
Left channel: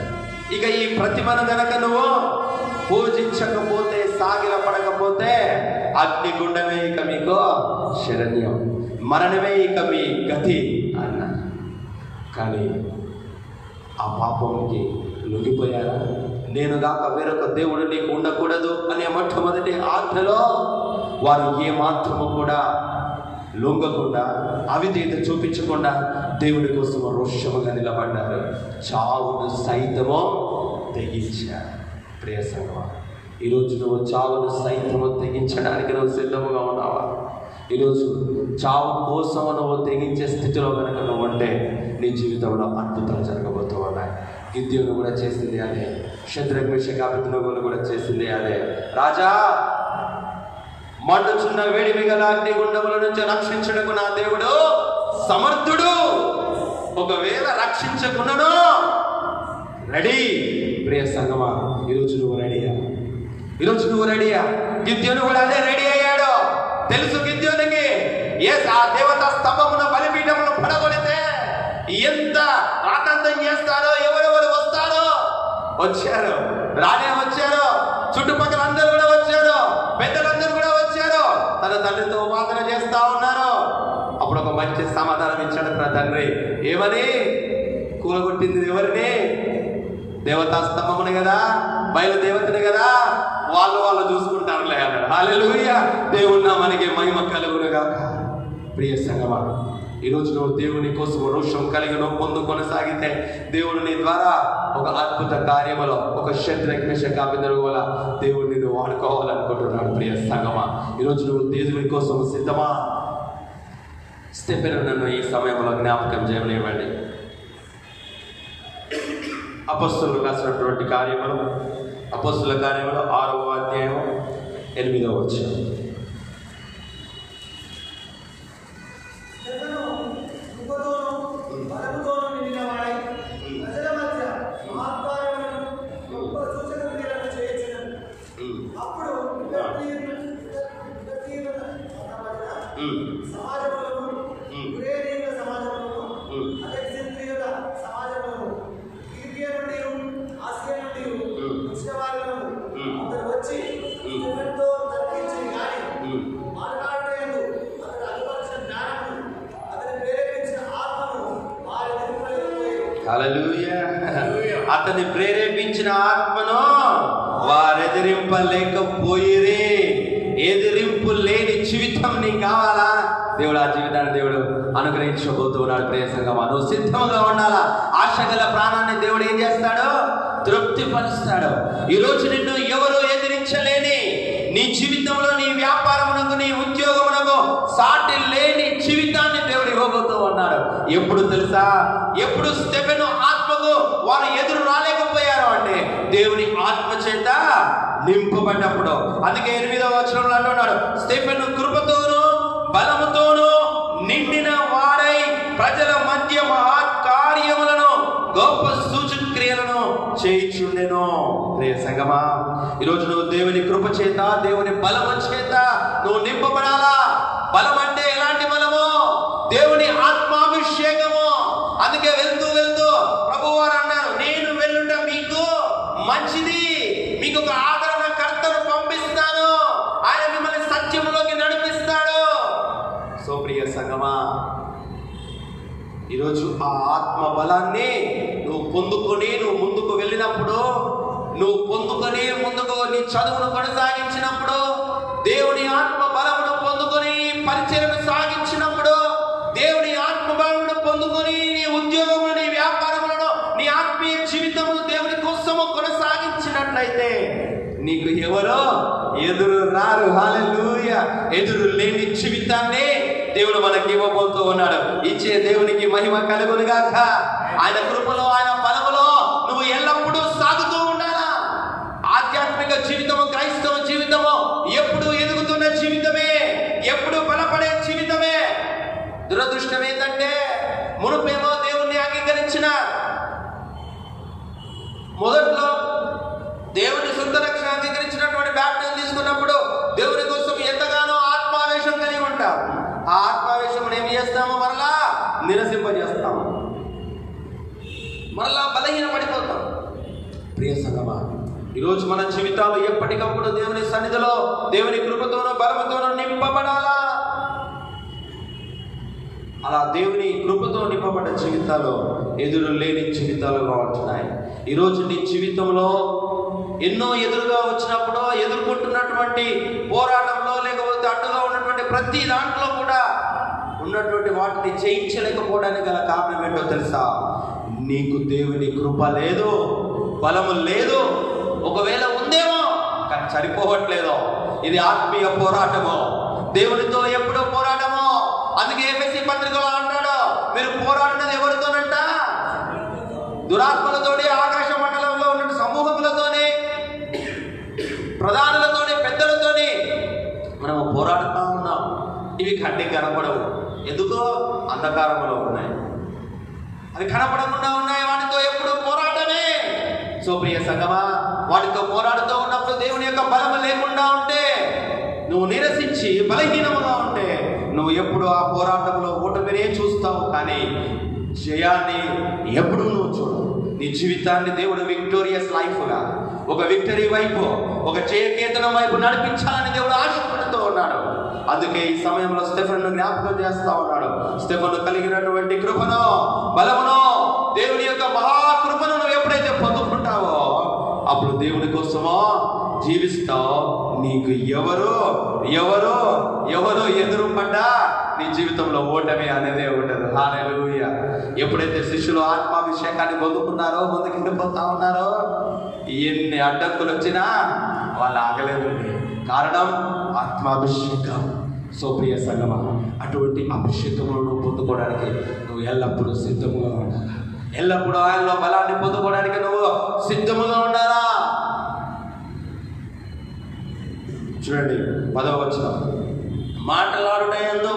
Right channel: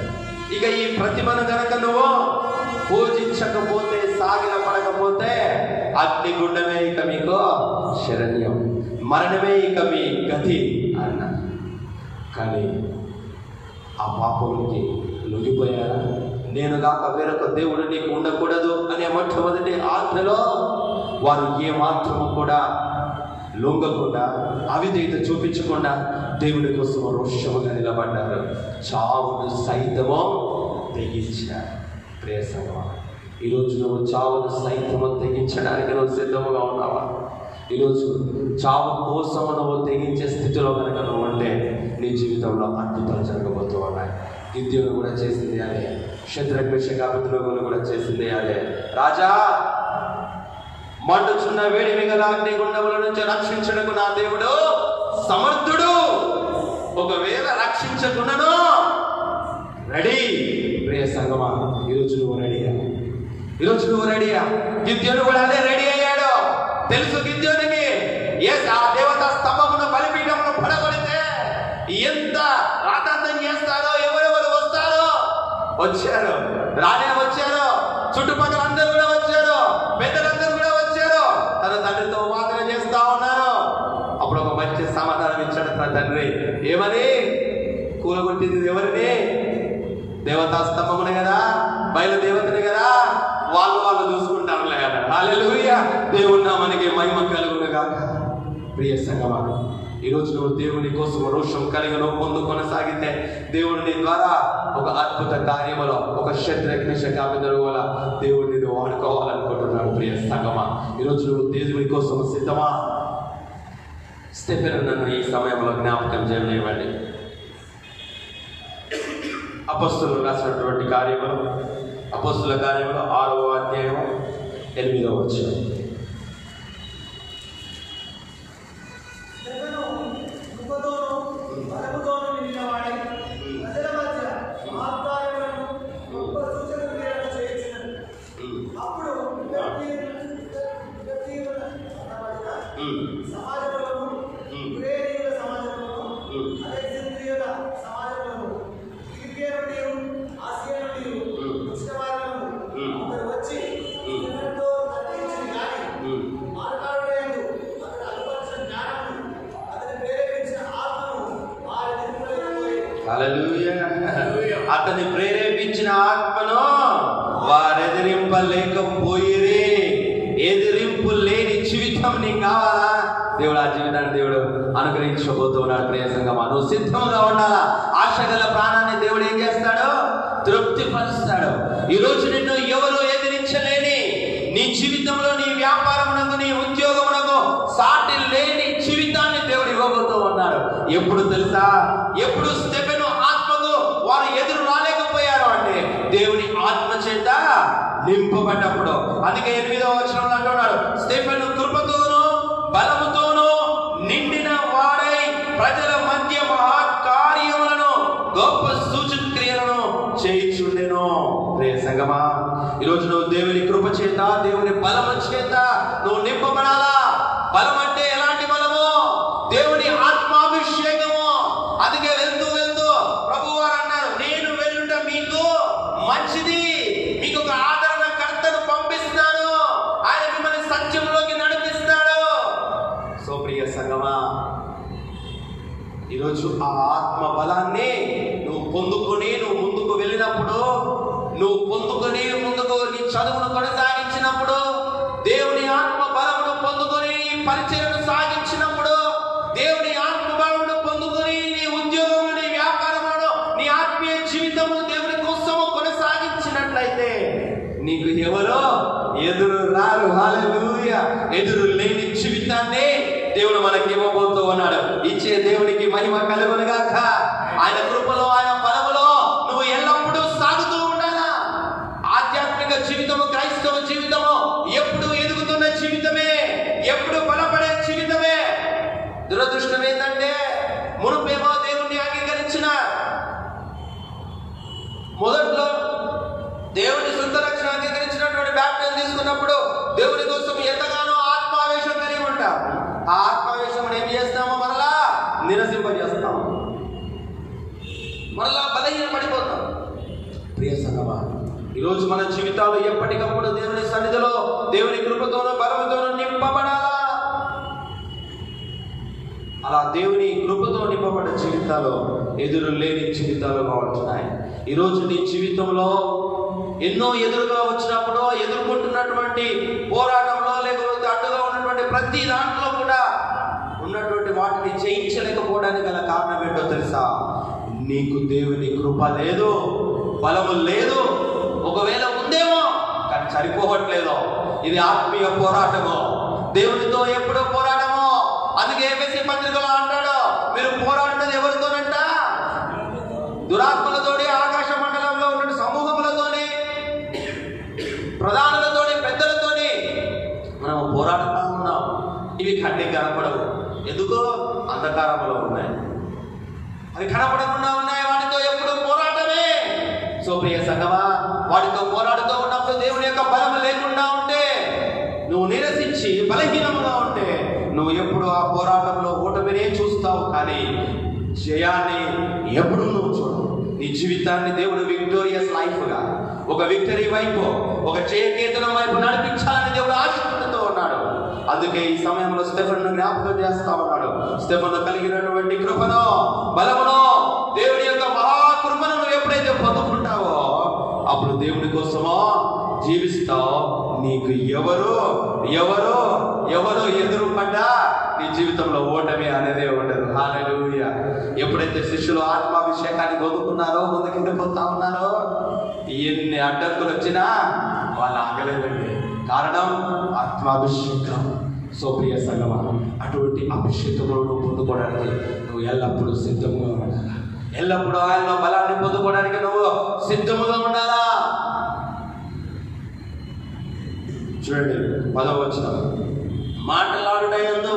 ఇక ఈ ప్రతిమను గనక నువ్వు పూజించకపోతే, సాగిలపడకపోతే అగ్నిగుండమే ఇక మీకు శరణ్యం, మరణమే ఇక మీ గతి అన్న. కానీ ఆ పాపంకి లొంగిపోయారా? నేను కాక వేరొక దేవుడు నీకు ఉండకూడదు అనే మొట్టమొదటి ఆజ్ఞలో వారు ఏ మాత్రము కూడా లొంగకుండా, అవిధేయత చూపించకుండా దేవుడి కోసం రోషముగా నిలబడ్డారు. చావును సైతమో తెగించారు. ప్రియ సంగమా, ఈరోజు నువ్వు చావును సైతము తెగించడానికి నువ్వు సిద్ధముగా ఉన్నావా? ఈరోజు చావు కోసం నువ్వు తెగించే స్థితిలో కనుక నువ్వు ఉంటే నీ జీవితంలో అద్భుతాలు జరగబోతూ ఉన్నాయి. గిద్యోను కూడా చేసింది అదే, శద్రక్ మేషక్ అబేద్నెగోను కూడా చేసింది అదే. రాజా, మండుచున్న వేడి మిగల అగ్ని గుండముల నుంచి రక్షించడానికి నా దేవుడు సమర్థుడు. ఒకవేళ రక్షించకున్నాను రెడీ. ప్రియ సంగమా, ఈరోజు నువ్వు రెడీయా? ఈరోజు నువ్వు రెడీయా? గిద్యోను కూడా అదే రెడీ అయ్యాడు. తెలుసు గిద్యోనికి, ఆ దేవతా స్తంభమున బలిపీఠమును పడగొడితే ఎంత రాతంతం చేస్తారో, ఎవరెవరు వస్తారో వచ్చారు, రానే వచ్చారు, చుట్టుపక్కల అందరూ కూడా వచ్చారు, పెద్దలందరూ కూడా వచ్చారు, తన తండ్రితో వాదన చేస్తా ఉన్నారు. అప్పుడు ఒక మంచి సమాధానం ఇచ్చాడు తన తండ్రి. ఏమని? కూలగొట్టింది ఎవరిని? దేవతా స్తంభమునే కదా, బయలుదేవతనే కదా, వాళ్ళు చూసుకుంటారులే అన్నాడు. హల్లెలూయా, దేవుని నామానికి మహిమ కలుగునుగాక. ప్రియ సంగమా, ఈరోజు నువ్వు దేవుని కోసం రోషం కలిగి నువ్వు ముందు కొనసాగితే దేవుని ద్వారా ఒక అద్భుత కార్యములో, ఒక శద్రక్ మేషక్ అబేద్నెగోల దేవుడిని నువ్వు వాడుకోవాలనుకుంటున్నాడు. ప్రియ సంగమా, ఈరోజు నువ్వు దేవుని కోసం సిద్ధమా? స్టెఫెను నన్ను ఈ సమయంలో జ్ఞాపకం చేయనివ్వండి. అపోస్తలులు రాసినటువంటి కార్యములు, అపోస్తలుల కార్యములు 6వ అధ్యాయం 8వ వచనం. అతని ప్రేరేపించిన ఆత్మను వారెదిరింపలేకపోయిరి. ఎదిరింపు లేని జీవితం నీకు కావాలా? దేవుడు ఆ జీవితాన్ని దేవుడు అనుగ్రహించబోతున్నాడు. ప్రియ సంగమా, నువ్వు సిద్ధంగా ఉండాలా. ఆశ గల ప్రాణాన్ని దేవుడు ఏం చేస్తాడు? తృప్తిపరుస్తాడు. ఈరోజు నిన్ను ఎవరు ఎదిరించలేని, నీ జీవితంలో, నీ వ్యాపారమునకు, నీ ఉద్యోగమునకు సాటి లేని జీవితాన్ని దేవుడు ఇవ్వబోతూ ఉన్నాడు. ఎప్పుడు తెలుసా? ఎప్పుడు స్టెఫెను ఆత్మకు వారు ఎదురు రాలేకపోయారు అంటే దేవుని ఆత్మ చేత నింపబడ్డప్పుడు. అందుకే 8వ వచనంలో అంటున్నాడు, స్టెఫెను కృపతోను బలముతోను నిండిన వాడై ప్రజల మధ్య మహాకార్యములను గొప్ప సూచక్రియలను చేయుచుండెను. ప్రియ సంగమా, ఈరోజు నువ్వు దేవుని కృప చేత, దేవుని బలము చేత నువ్వు నింపబడాలా. బలం అంటే ఎలాంటి బలము? దేవుని ఆత్మాభిషేకము. అందుకే వెళ్తూ వెళ్తూ ప్రభువారు అన్నారు, నేను వెళ్ళుట మీకు మంచిది, మీకు ఒక ఆదరణకర్తను పంపిస్తాను, ఆయన మిమ్మల్ని సత్యంలోకి నడిపిస్తాడు. సో ప్రియ సంగమా, ఈరోజు ఆ ఆత్మ బలాన్ని నువ్వు పొందుకొని నువ్వు ముందుకు వెళ్ళినప్పుడు, నువ్వు పొందుకొని ముందుకు నీ చదువును కొనసాగించినప్పుడు, దేవుని ఆత్మ బలమును పొందుకొని పరిచయను సాగించినప్పుడు, దేవుని ఆత్మ బలమును పొందుకొని నీ ఉద్యోగములు, నీ వ్యాపారములను, నీ ఆత్మీయ జీవితము దేవుని కోసము కొనసాగించినట్లయితే నీకు ఎవరో ఎదురు రారు. హల్లెలూయా. ఎదురు లేని జీవితాన్ని దేవుడు మనకి ఇవ్వబోతూ ఉన్నాడు. ఇచ్చే దేవునికి మహిమ కలుగునుగాక. ఆయన కృపలో, ఆయన బలములో నువ్వు ఎల్లప్పుడూ సాగుతూ ఉండాలా. ఆధ్యాత్మిక జీవితము, క్రైస్తవ జీవితము ఎప్పుడు ఎదుగుతున్న జీవితమే, ఎప్పుడు బలపడే జీవితమే. దురదృష్టం ఏంటంటే, మునుపేమో దేవుణ్ణి అంగీకరించిన, మొదట్లో దేవుని సొంత రక్షణ అంగీకరించినటువంటి బ్యాప్టిజం తీసుకున్నప్పుడు దేవుని కోసం ఎంతగానో ఆత్మావేశం కలిగి ఉంటారు. ఆ ఆత్మావేశం ఏం చేస్తామో మరలా నిరసింపజేస్తాము, మరలా బలహీన పడిపోతాం. ప్రియ సంగమా, ఈరోజు మన జీవితాలు ఎప్పటికప్పుడు దేవుని సన్నిధిలో, దేవుని కృపతోనూ బలముతోనూ నింపబడాలా. అలా దేవుని కృపతో నింపబడ్డ జీవితాలు ఎదురు లేని జీవితాలుగా ఉంటున్నాయి. ఈరోజు నీ జీవితంలో ఎన్నో ఎదురుగా వచ్చినప్పుడు ఎదుర్కొంటున్నటువంటి పోరాటంలో లేకపోతే అడ్డుగా ఉన్నటువంటి ప్రతి దాంట్లో కూడా ఉన్నటువంటి వాటిని జయించలేకపోవడానికి గల కారణం ఏంటో తెలుసా? నీకు దేవుని కృప లేదు, బలము లేదు. ఒకవేళ ఉందేమో కానీ సరిపోవట్లేదు. ఇది ఆత్మీయ పోరాటము, దేవునితో ఎప్పుడో పోరాటము. అందుకే ఎఫెసీ పత్రికలో అంటాడు, మీరు పోరాడినది ఎవరితోనంట? దురాత్మలతోని, ఆకాశ మండలంలో ఉన్న సమూహములతోని, ప్రధానులతోని, పెద్దలతోని మనం పోరాడుతూ ఉన్నాం. ఇవి కంటికి కనపడవు, ఎందుకో అంధకారంలో ఉన్నాయి. అవి కనపడకుండా ఉన్నాయి, వాటితో ఎప్పుడు పోరాటమే. సో ప్రియ సంగమా, వాటితో పోరాడుతూ ఉన్నప్పుడు దేవుని యొక్క బలం లేకుండా ఉంటే, నువ్వు నిరసించి బలహీనముగా ఉంటే, నువ్వు ఎప్పుడు ఆ పోరాటంలో ఓటమినే చూస్తావు, కానీ జయాన్ని ఎప్పుడు నువ్వు చూడు. నీ జీవితాన్ని దేవుడు విక్టోరియస్ లైఫ్గా, ఒక విక్టరీ వైపు, ఒక జయకేతనం వైపు నడిపించాలని దేవుడు ఆశపడుతూ ఉన్నాడు. అందుకే ఈ సమయంలో స్టెఫెనును జ్ఞాపకం చేస్తా ఉన్నాడు. స్టెఫెను కలిగినటువంటి కృపను, బలమును, దేవుని యొక్క మహాకృపను నువ్వు ఎప్పుడైతే పొందుకుంటావో అప్పుడు దేవుని కోసమో జీవిస్తావు. నీకు ఎవరు ఎవరు ఎవరు ఎదురుపడ్డా నీ జీవితంలో ఓటమి అనేదే ఉండదు. హల్లెలూయా. ఎప్పుడైతే శిష్యులు ఆత్మాభిషేకాన్ని పొందుకున్నారో, ముందుకెళ్ళిపోతా ఉన్నారో, ఎన్ని అడ్డంకులు వచ్చినా వాళ్ళు ఆగలేదండి. కారణం ఆత్మాభిషేకం. సో ప్రియ సంగమా, అటువంటి అభిషేకములను పొందుకోవడానికి నువ్వు ఎల్లప్పుడూ సిద్ధంగా ఉండాలా. ఎల్లప్పుడూ ఆయనలో బలాన్ని పొందుకోవడానికి నువ్వు సిద్ధంగా ఉండాలా. చూడండి 10వ వచనం, మాట్లాడుటయందు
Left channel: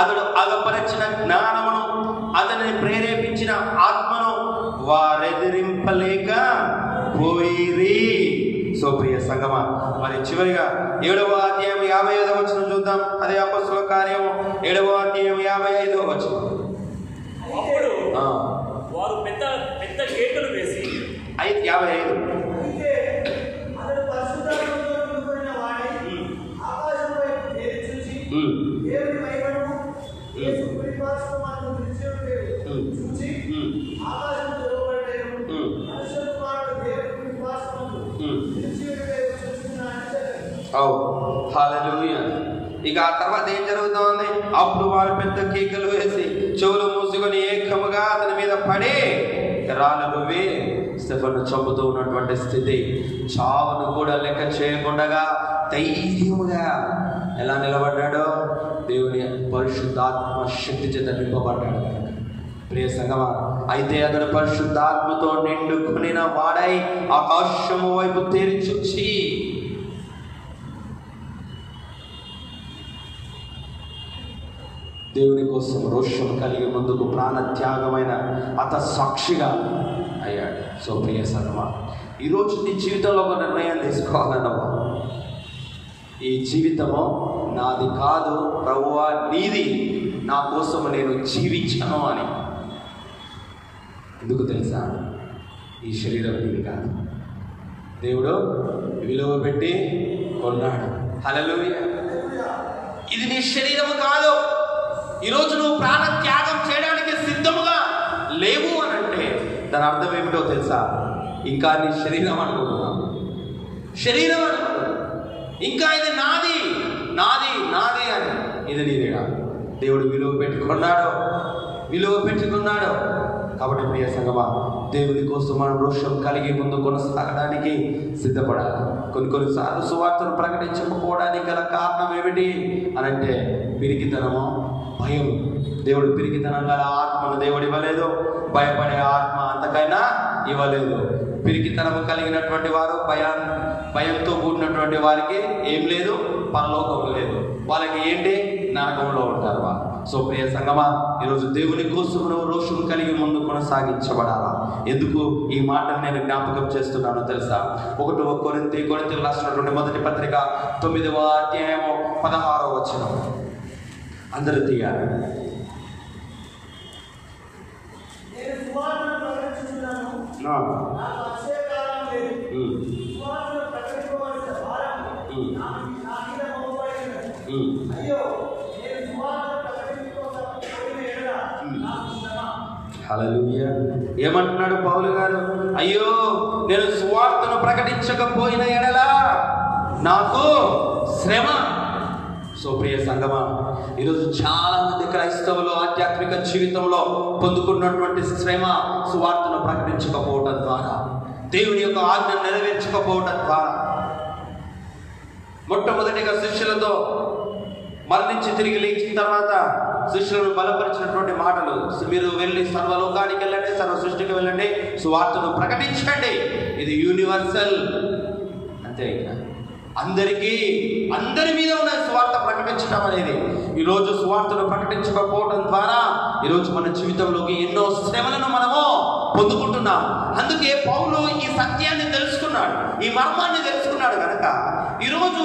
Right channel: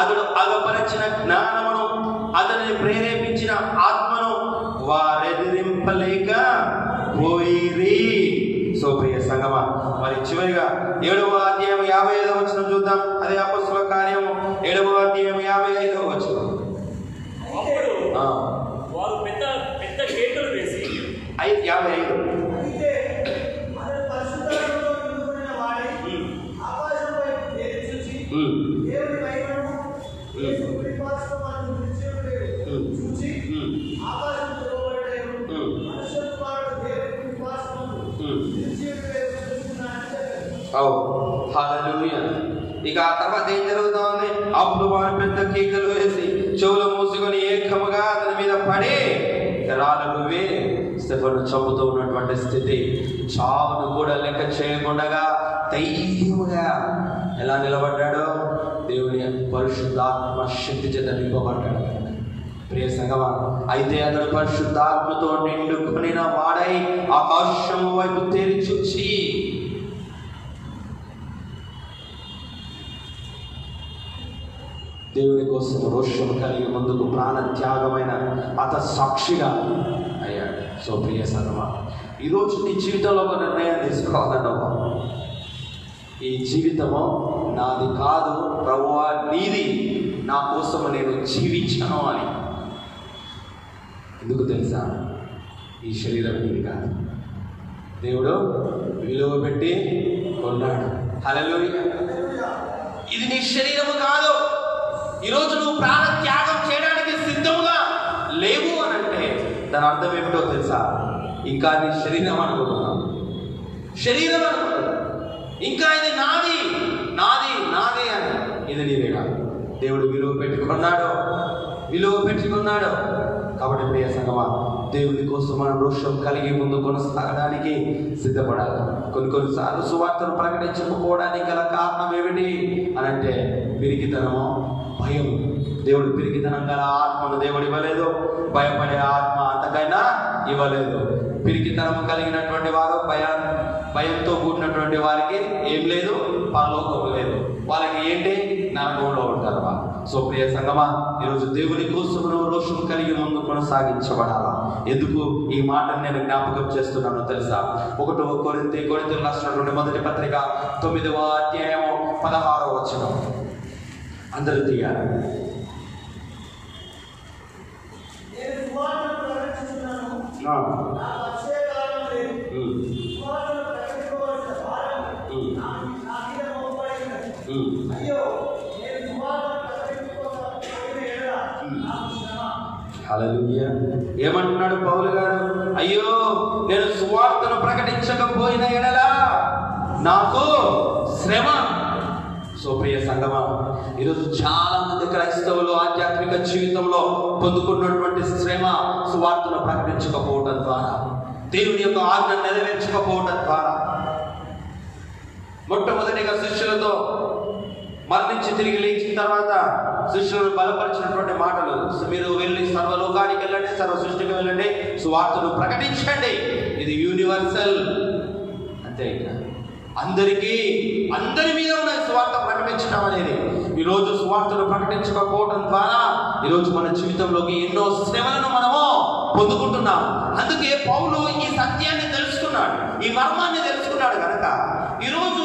అతడు అగపరచిన జ్ఞానమును, అతనిని ప్రేరేపించిన ఆత్మను వారెదిరింపలేక పోయిరి. సో ప్రియ సంగమా, మరి చివరిగా 7వ అధ్యాయం 55వ వచనం చూద్దాం. అదే అపొస్తలుల కార్యం 7వ అధ్యాయం 55వ వచనం. అప్పుడు వారు పెద్ద పెద్ద కేకలు వేసి 55 హల్లెలూయా. ఇక ఆ తర్వాత ఏం జరుగుతోంది? అప్పుడు వారు పెద్ద కేకలు వేసి చెవులు మూసుకొని ఏకముగా అతని మీద పడి రాళ్ళ రువ్వి స్టెఫెను చంపుతూ ఉన్నటువంటి స్థితి. చావును కూడా లెక్క చేయకుండా ధైర్యముగా ఎలా నిలబడ్డాడో, దేవుని పరిశుద్ధాత్మ శక్తి చేత నింపబడ్డాడు. ప్రియ సంగమా, అయితే అతడు పరిశుద్ధాత్మతో నిండుకొనిన వాడై ఆకాశము వైపు తేరి చూచి దేవుని కోసం రోషం కలిగి ముందుకు ప్రాణ త్యాగమైన అత సాక్షిగా అయ్యాడు. సో ప్రియ సంగమా, ఈరోజు నీ జీవితంలో ఒక నిర్ణయం తీసుకోవాలన్నావు. ఈ జీవితము నాది కాదు ప్రభువా, నీది, నా కోసం నేను జీవించాను అని. ఎందుకు తెలుసా? ఈ శరీరం నీది కాదు, దేవుడు విలువ పెట్టి కొన్నాడు. హల్లెలూయా. ఇది నీ శరీరము కాదు. ఈరోజు నువ్వు ప్రాణ త్యాగం చేయడానికి సిద్ధముగా లేవు అని అంటే దాని అర్థం ఏమిటో తెలుసా? ఇంకా నీ శరీరం అనుకుంటున్నావు, శరీరం అనుకుంటున్నావు, ఇంకా ఇది నాది నాది నాది అని. ఇది నీదే కాదు. దేవుడు విలువ పెట్టుకున్నాడు. కాబట్టి ప్రియ సంగమా, దేవుని కోసం మనం రోషం కలిగి ముందు కొనసాగడానికి సిద్ధపడాలి. కొన్నిసార్లు సువార్తను ప్రకటించకపోవడానికి గల కారణం ఏమిటి అని అంటే పిరికితనము, భయం. దేవుడు పిరికితనం గల ఆత్మను దేవుడు ఇవ్వలేదు, భయపడే ఆత్మ అంతకైనా ఇవ్వలేదు. పిరికితనం కలిగినటువంటి వారు, భయంతో కూడినటువంటి వారికి ఏం లేదు, పరలోకం లేదు. వాళ్ళకి ఏంటి, నరకంలో ఉంటారు వాళ్ళు. సో ప్రియ సంగమా, ఈరోజు దేవుని కోసం రోషం కలిగి ముందు కొనసాగించబడాలా. ఎందుకు ఈ మాటను నేను జ్ఞాపకం చేస్తున్నానో తెలుసా? 1 కొరింథీయులకు రాసిన మొదటి పత్రిక 9వ అధ్యాయము 16వ వచనం. అందరూ తీయాలి. హల్లెలూయా. ఏమంటున్నాడు పౌలు గారు? అయ్యో నేను సువార్తను ప్రకటించకపోయిన ఎడల నాకు శ్రమ. సో ప్రియ సంగమా, ఈరోజు చాలా మంది క్రైస్తవులు ఆధ్యాత్మిక జీవితంలో పొందుకున్నటువంటి శ్రమ సువార్తను ప్రకటించకపోవడం ద్వారా, దేవుని యొక్క ఆజ్ఞ నెరవేర్చకపోవడం ద్వారా. మొట్టమొదటిగా శిష్యులతో మరణించి తిరిగి లేచిన తర్వాత శిష్యులను బలపరిచినటువంటి మాటలు, మీరు వెళ్ళి సర్వలోకానికి వెళ్ళండి, సర్వ సృష్టికి వెళ్ళండి, సువార్తను ప్రకటించండి. ఇది యూనివర్సల్, అంతే. అందరికీ, అందరి మీద ఉన్న సువార్త ప్రకటించడం అనేది. ఈరోజు సువార్తను ప్రకటించకపోవడం ద్వారా ఈరోజు మన జీవితంలోకి ఎన్నో శ్రమలను మనము పొందుకుంటున్నాం. అందుకే పౌలు ఈ సత్యాన్ని తెలుసుకున్నాడు, ఈ మర్మాన్ని తెలుసుకున్నాడు కనుక ఈరోజు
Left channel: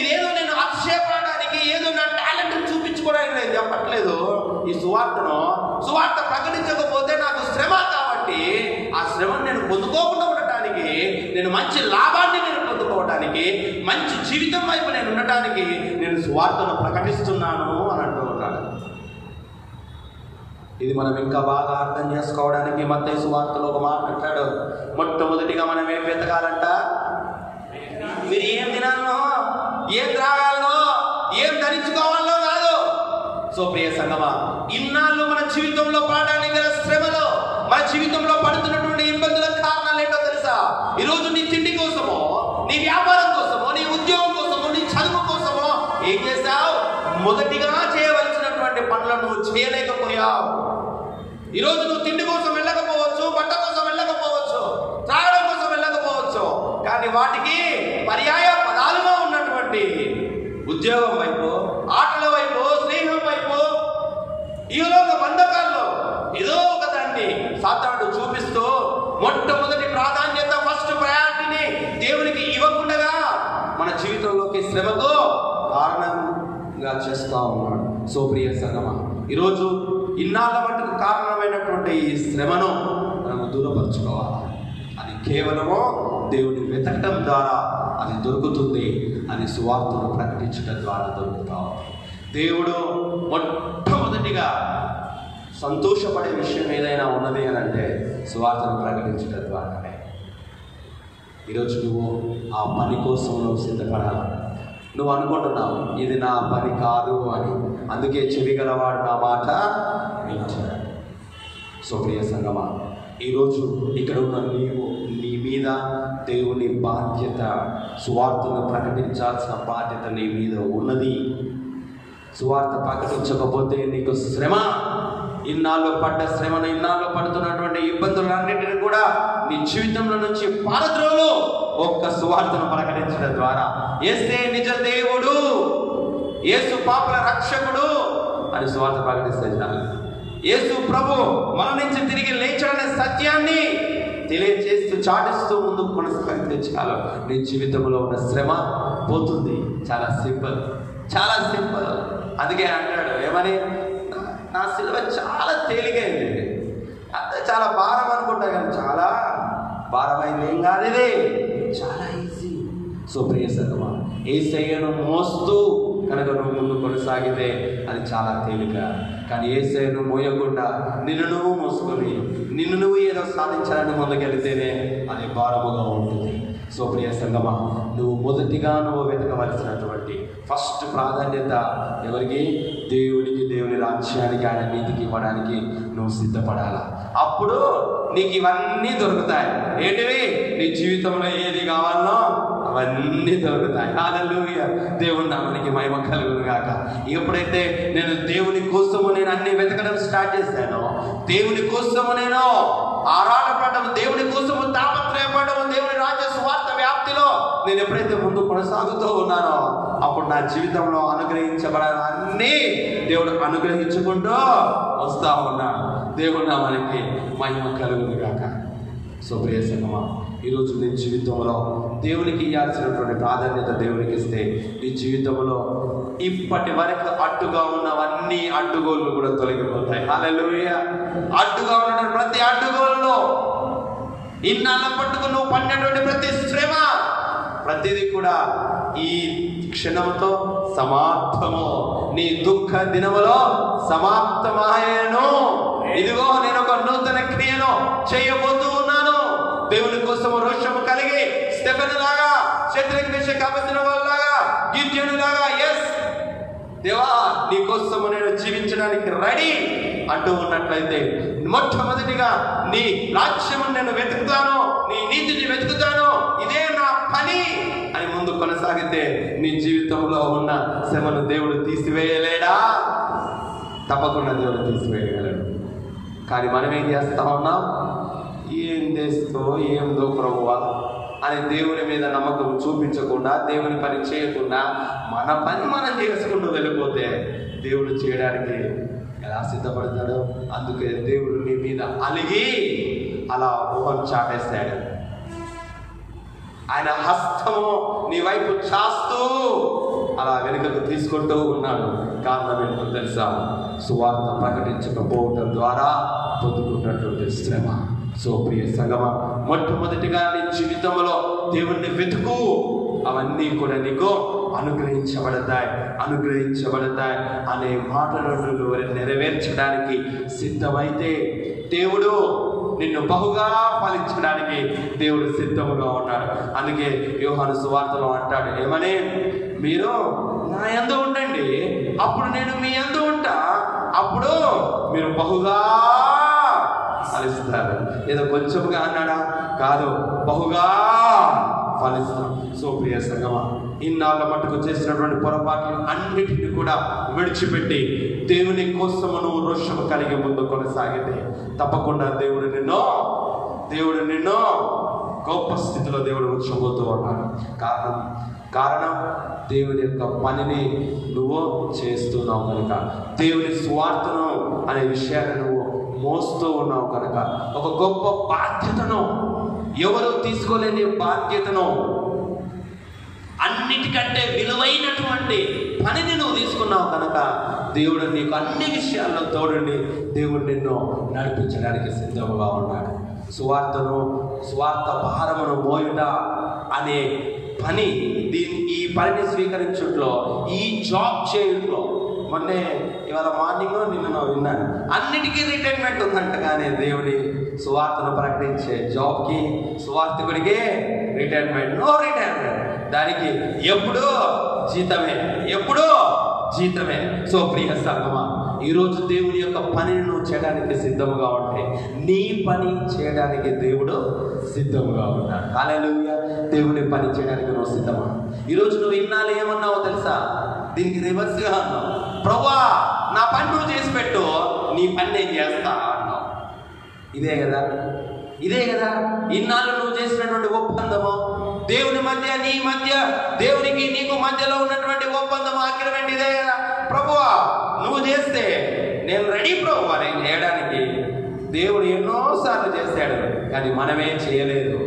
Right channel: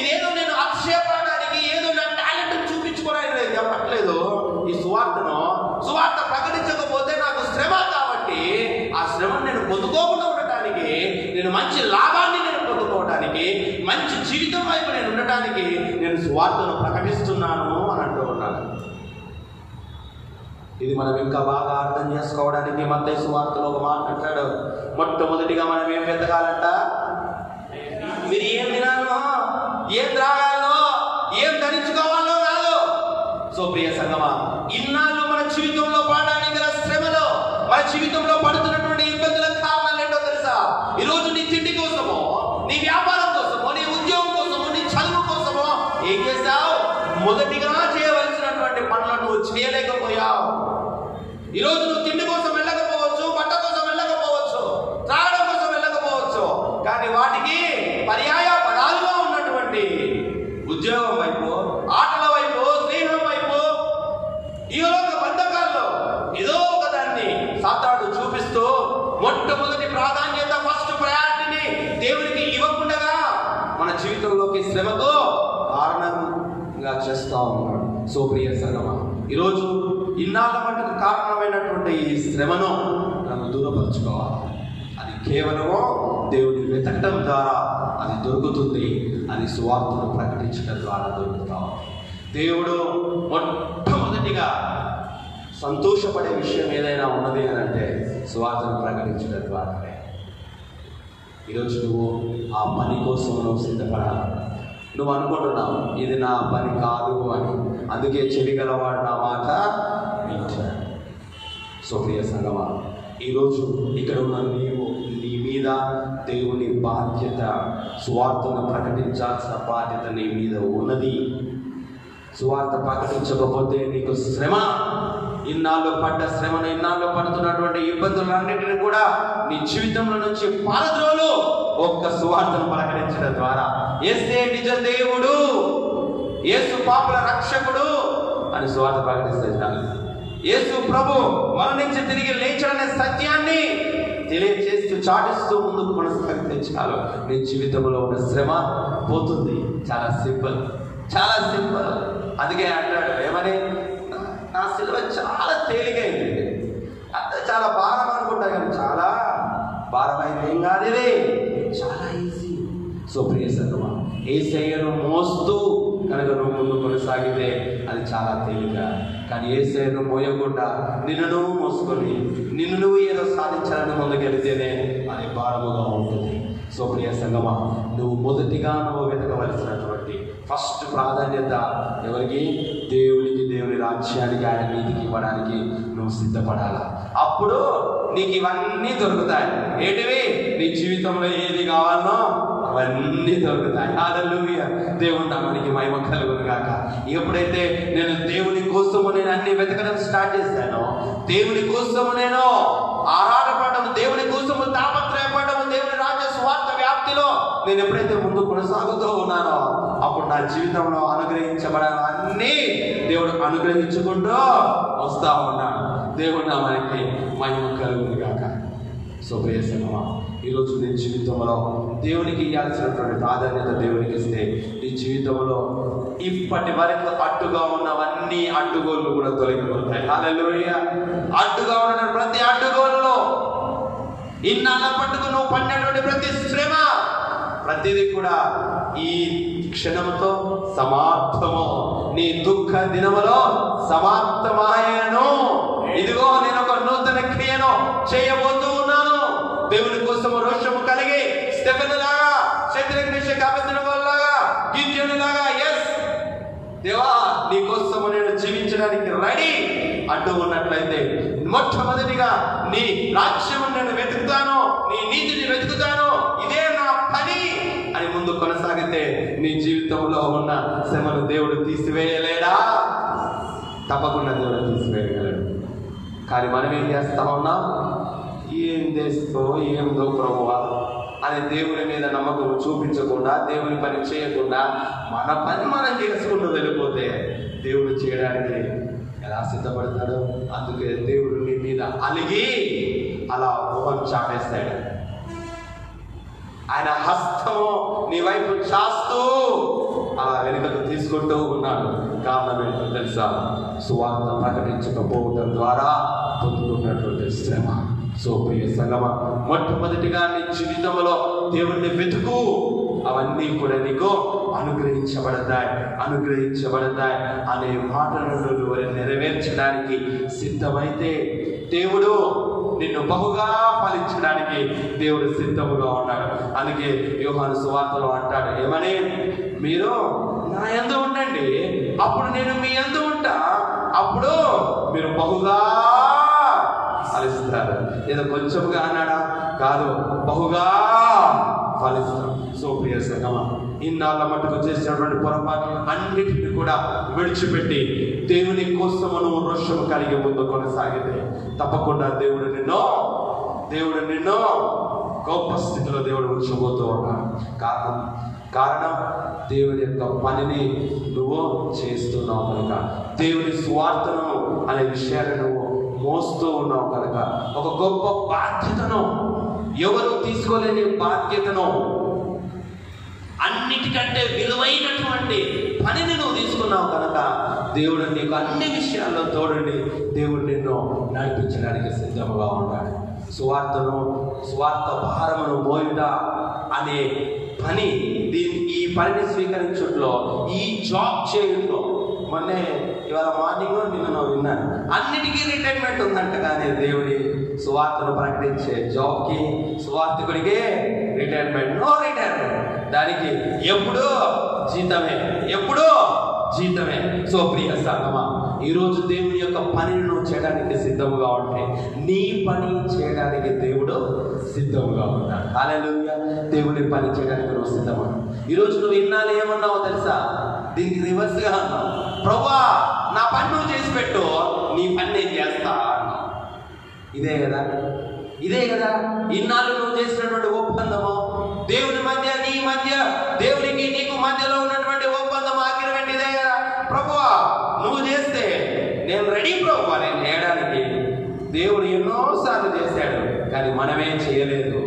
ఇదేదో నేను అక్షేపడానికి, ఏదో నా టాలెంట్ చూపించుకోవడానికి లేదు చెప్పట్లేదు. ఈ సువార్త ప్రకటించకపోతే నాకు శ్రమ, కాబట్టి ఆ శ్రమను నేను పొందుకోకుండా ఉండటానికి, నేను మంచి లాభాన్ని నేను పొందుకోవటానికి, మంచి జీవితం వైపు నేను ఉండటానికి నేను సువార్తను ప్రకటిస్తున్నాను అని అంటూ ఉంటాను. ఇది మనం ఇంకా బాగా అర్థం చేసుకోవడానికి మత్తయి సువార్తలో ఒక మాట అంటాడు. మొట్టమొదటిగా మనం ఏం వెతకాలంట? మీరు ఏం తినాలో, ఏం త్రాగాలో, ఏం ధరించుకోవాలో కాదు. సో ప్రియ సంగమా, ఇన్నాళ్ళు మన జీవితంలో పడడానికి గల శ్రమలో, మన జీవితంలో పడుతున్నటువంటి ఇబ్బందులకు కారణాలు ఏంటో తెలుసా? ఈరోజు నీ తిండి కోసమో, నీ వ్యాపారం కోసమో, నీ ఉద్యోగం కోసమో, నీ చదువు కోసమో ఏం చేస్తావు? మొదటిగా చేయవలసినటువంటి పనులను నువ్వు చేయలేకపోయావు. ఈరోజు నువ్వు తిండి కోసం వెళ్ళకపోవచ్చు, బట్ట కోసం వెళ్ళకపోవచ్చు, త్రాగడం కోసం వెళ్ళకపోవచ్చు, కానీ వాటికి పర్యాయ పదాలుగా ఉన్నటువంటి ఉద్యోగం వైపు, ఆటల వైపు, స్నేహం వైపు, ఈ లోక బంధకాల్లో ఏదో ఒక దాన్ని సాతానుడు చూపిస్తూ మొట్టమొదటి ప్రాధాన్యత, ఫస్ట్ ప్రయారిటీని దేవునికి ఇవ్వకుండా మన జీవితంలోకి శ్రమకు కారణంగా చేస్తా ఉన్నాడు. సో ప్రియ సంగమా, ఈరోజు ఇన్నాళ్ళ మటుకు కారణమైనటువంటి ఈ శ్రమను మనం దూరపరచుకోవాలి. అది కేవలము దేవుని వెతకడం ద్వారా అది దొరుకుతుంది. అది సువార్తను ప్రకటించడం ద్వారా దొరుకుతాం. దేవుడు మొట్టమొదటిగా సంతోషపడే విషయం ఏదైనా ఉన్నది అంటే సువార్తను ప్రకటించడం ద్వారానే. ఈరోజు నువ్వు ఆ పని కోసం నువ్వు సిద్ధపడాలి. నువ్వు అనుకుంటున్నావు ఇది నా పని కాదు అని, అందుకే చెవి గలవాడు నా మాట వింటాడు. సో ప్రియ సంగమా, ఈరోజు ఇక్కడ ఉన్న నీ మీద దేవుని బాధ్యత, సువార్తను ప్రకటించాల్సిన బాధ్యత నీ మీద ఉన్నది. సువార్త ప్రకటించకపోతే నీకు శ్రమ, ఇన్నాళ్ళు పడ్డ శ్రమను, ఇన్నాళ్ళు పడుతున్నటువంటి ఇబ్బందులన్నింటినీ కూడా నీ జీవితంలో నుంచి పారద్రోలు ఒక్క సువార్తను ప్రకటించడం ద్వారా. యేసే నిజ దేవుడు, యేసు పాపుల రక్షకుడు అని సువార్త ప్రకటిస్తే చాలు. యేసు ప్రభు మరణించి తిరిగి లేచాడనే సత్యాన్ని తెలియజేస్తూ, చాటిస్తూ ముందుకు కొనసాగితే చాలు. నీ జీవితంలో ఉన్న శ్రమ పోతుంది. చాలా సింపుల్, చాలా సింపుల్. అందుకే అంటాడు ఏమని, నా సిలువ చాలా తేలికైంది, అంటే చాలా భారం అనుకుంటా, కానీ చాలా భారమైంది ఏం కాదు, ఇది చాలా ఈజీ. సో ప్రియ సంగమా, యేసయ్యను మోస్తూ కనుక నువ్వు ముందు కొనసాగితే అది చాలా తేలిక. కానీ యేసయ్యను మోయకుండా నిన్ను నువ్వు మోసుకొని నిన్ను నువ్వు ఏదో సాధించాలని ముందుకెళ్తేనే అది భారముగా ఉంటుంది. సో ప్రియ సంగమా, నువ్వు మొదటిగా నువ్వు వెతకవలసినటువంటి ఫస్ట్ ప్రాధాన్యత ఎవరికి? దేవునికి, దేవుని రాజ్యానికి, ఆయన నీతికి ఇవ్వడానికి నువ్వు సిద్ధపడాలా. అప్పుడు నీకు ఇవన్నీ దొరుకుతాయి. ఏంటివి? నీ జీవితంలో ఏది కావాలనో అవన్నీ దొరుకుతాయి. హల్లెలూయా. దేవుని నామానికి మహిమ కలుగును గాక. ఎప్పుడైతే నేను దేవుని కోసము నేను అన్ని వెతకడం స్టార్ట్ చేశానో, దేవుని కోసము నేను ఆరాటపడము, దేవుని కోసము తాపత్రయపడము, దేవుని రాజ్య స్వార్థ వ్యాప్తిలో నేను ఎప్పుడైతే ముందు కొనసాగుతూ ఉన్నానో, అప్పుడు నా జీవితంలో అనుగ్రహించబడాలన్నీ దేవుడు అనుగ్రహించుకుంటూ వస్తా ఉన్నాను. దేవుడు నామానికి మహిమ కలుగును గాక. సో ప్రియ సంగమా, ఈరోజు నీ జీవితంలో దేవునికి ఇవ్వాల్సినటువంటి ప్రాధాన్యత దేవునికి ఇస్తే నీ జీవితంలో ఇప్పటి వరకు అడ్డుగా ఉన్నవన్నీ అడ్డుగోళ్ళు కూడా తొలగిపోతాయి. హల్లెలూయా. అడ్డుగా ఉన్న ప్రతి అడ్డుగోలులో, ఇన్నాళ్ళ పట్టుకు నువ్వు పడినటువంటి ప్రతి శ్రమ, ప్రతిదీ కూడా ఈ క్షణంతో సమాప్తము. నీ దుఃఖ దినములో సమాప్తమాయను. ఇదిగో నేను ఒక నూతన క్రియను చేయబోతూ ఉన్నాను. దేవుని కోసం రోషం నీ జీవితంలో ఉన్న శ్రమను దేవుడు తీసివేయలేడా? తప్పకుండా దేవుడు తీసివేయగలడు. కానీ మనం ఏం చేస్తా ఉన్నాం? ఏం తెస్తో ఏందో ప్రభువా అని దేవుని మీద నమ్మకం చూపించకుండా, దేవుని పని చేయకుండా మన పని మనం చేసుకుంటూ వెళ్ళిపోతే దేవుడు చేయడానికి ఎలా సిద్ధపడతాడో. అందుకే దేవుడు నీ మీద అలిగి అలా మొహం చాటేస్తాడు. ఆయన హస్తము నీ వైపు చాస్తూ అలా వెనుకకు తీసుకుంటూ ఉన్నాడు. కారణం ఏంటో తెలుసా? సువార్త ప్రకటించకపోవడం ద్వారా పొందుకున్నటువంటి శ్రమ. సో ప్రియ సంగమా, మొట్టమొదటిగా నీ జీవితంలో దేవుణ్ణి వెతుకు. అవన్నీ కూడా నీకు అనుగ్రహించబడతాయి అనే మాటలను నువ్వు నెరవేర్చడానికి సిద్ధమైతే దేవుడు నిన్ను బహుగా ఫలించడానికి దేవుడు సిద్ధముగా ఉన్నాడు. అందుకే యోహాను సువార్తలో అంటాడు, ఏమని? మీరు నా యందు ఉండండి, అప్పుడు నేను మీ యందు ఉంటా, అప్పుడు మీరు బహుగా ఫలిస్తారు. ఏదో కొంచెంగా అన్నాడా? కాదు, బహుగా ఫలిస్తారు. సో ప్రియ సంగమా, ఇన్నాళ్ళ మట్టుకు చేసినటువంటి పొరపాట్లు అన్నిటిని కూడా విడిచిపెట్టి దేవుని కోసము నువ్వు రోషం కలిగి ముందు కొనసాగితే తప్పకుండా దేవుడు నిన్ను గొప్ప స్థితిలో దేవుడు ఉంచబోతూ ఉన్నాడు. కారణం దేవుని యొక్క పనిని నువ్వు చేస్తున్నావు కనుక, దేవుని స్వార్థను అనే విషయాన్ని నువ్వు మోస్తూ ఉన్నావు కనుక, ఒక గొప్ప బాధ్యతను, ఎవరు తీసుకోలేని బాధ్యతను, అన్నిటికంటే విలువైనటువంటి పనిని నువ్వు తీసుకున్నావు కనుక దేవుడు నీకు అన్ని విషయాల్లో తోడుండి దేవుడు నిన్ను నడిపించడానికి సిద్ధంగా ఉన్నాడు. స్వార్థ భారమును మోయుట అనే పని, ఈ పనిని స్వీకరించడంలో, ఈ జాబ్ చేయడంలో, మొన్నే ఇవాళ మార్నింగ్ నిన్న విన్నాను, అన్నిటికీ రిటైర్మెంట్ ఉందంట. కానీ దేవుడి సువార్తను ప్రకటించే జాబ్కి, సువార్తకుడికి రిటైర్మెంట్, నో రిటైర్మెంట్. దానికి ఎప్పుడూ జీతమే. సో ప్రియ సంగమా, ఈరోజు దేవుని యొక్క పనిని నువ్వు చేయడానికి సిద్ధంగా ఉంటే నీ పని చేయడానికి దేవుడు సిద్ధంగా ఉంటాడు. హల్లెలూయా. దేవుని పని చేయడానికి నువ్వు సిద్ధమా? ఈరోజు నువ్వు ఇన్నాళ్ళు ఏమన్నావో తెలుసా? దీనికి రివర్స్గా, ప్రభువా నా పని నువ్వు చేసి పెట్టు, నీ పని నేను చేస్తా అన్నా. ఇదే కదా ఇన్నాళ్ళు నువ్వు చేసినటువంటి ఒప్పందము. దేవుని మధ్య, నీ మధ్య, దేవునికి నీకు మధ్యలో ఉన్నటువంటి ఒప్పందం, అగ్రిమెంట్ ఇదే కదా. ప్రభువా నువ్వు చేస్తే నేను రెడీ ప్రభువా నేను చేయడానికి. దేవుడు ఎన్నోసార్లు చేశాడు, కానీ మనమేం చేయలేదు.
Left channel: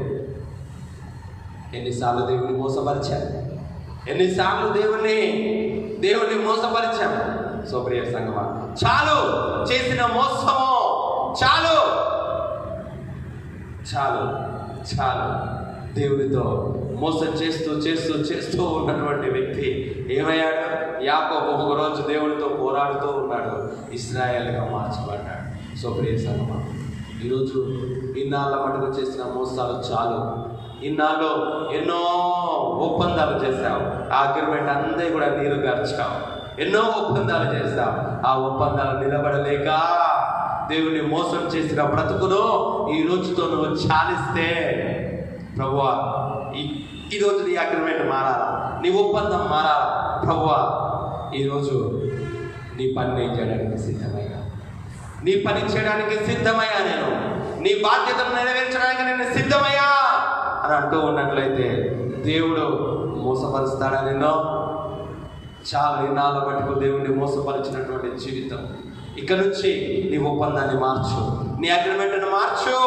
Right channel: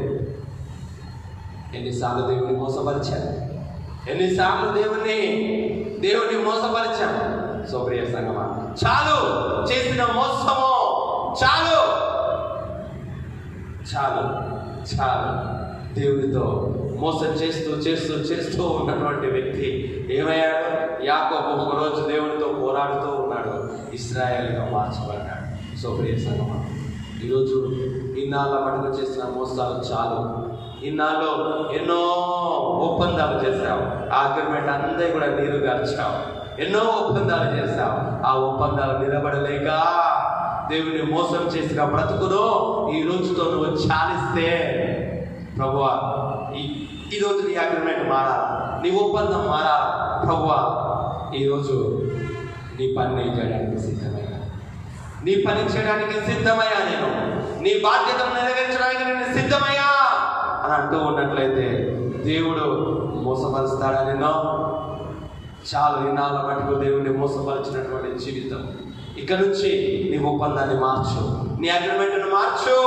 ఎన్నిసార్లు దేవుని మోసపరిచాను, ఎన్నిసార్లు దేవుని మోసపరిచాను. సో ప్రియ సంగమా, చాలు చేసిన మోసము, చాలు. దేవునితో మోసం చేస్తూ ఉన్నటువంటి వ్యక్తి ఏమయ్యాడు? యాకోబు ఒక రోజు దేవునితో పోరాడుతూ ఉన్నాడు, ఇశ్రాయేలుగా మార్చబడ్డాడు. సో ప్రియ సంగమా, ఈరోజు ఇన్నాళ్ళ మటుకు చేసిన మోసాలు చాలు. ఇన్నాళ్ళు ఎన్నో ఒప్పందాలు చేశావు, ఆ అగ్రిమెంట్ అంతా కూడా నీరు గార్చావు. ఎన్నో ఒప్పందాలు చేశావు, ఆ ఒప్పందాలు నిలబడలేక దేవుని మోసం చేసిన బ్రతుకును ఈ రోజుతో నువ్వు చాలిస్తే, ప్రభువా ఈ రోజు నీ అగ్రిమెంట్ మారాలి, నీ ఒప్పందం మారాలి. ప్రభువా ఈరోజు నీ పని నేను చేయడానికి సిద్ధమయ్యా, నేను నీ బాధ్యతను నెరవేర్చడానికి నేను సిద్ధమయ్యా అని అంటూ ఉన్నట్లయితే దేవుడు మోసపరుస్తాడా నిన్ను? చాలు ఇన్నాళ్ళ మటుకు దేవుడిని మోసపరిచినటువంటి జీవితం. ఇక నుంచి నీ ఒప్పందాన్ని మార్చు, నీ అగ్రిమెంట్ను మార్చు,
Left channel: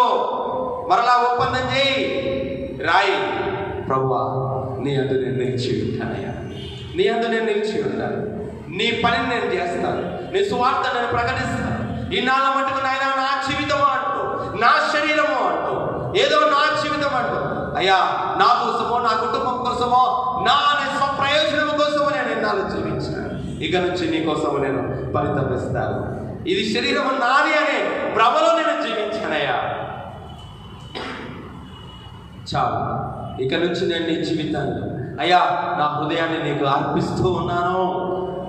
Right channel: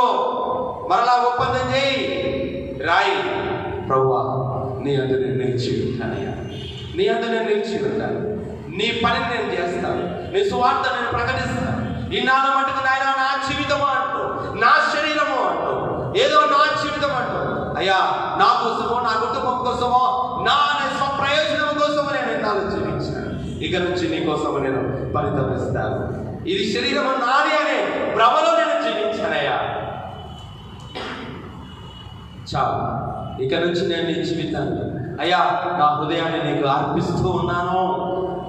మరలా ఒప్పందం చేయి, రాయి. ప్రభువా నీ అందు నేను నిలిచి ఉంటాను, నీ పనిని నేను చేస్తాను, నీ సువార్త నేను ప్రకటిస్తాను. ఇన్నాళ్ళ మటుకు నాయన నా జీవితం అంటూ, నా శరీరము అంటూ, ఏదో నా జీవితం అంటూ, అయ్యా నా కోసమో, నా కుటుంబం కోసమో, నా స్వప్రయోజనం కోసమో నేను ఎన్నాళ్ళు జీవించాను. ఇక నుంచి నీ కోసము నేను పరితపిస్తాను. ఇది శరీరము నాది అనే భ్రమలో నేను జీవించానయ్యా. చాలు, ఇక నుంచి నేను నీ జీవితాన్ని, అయ్యా నా హృదయాన్ని నీకు అర్పిస్తూ ఉన్నాను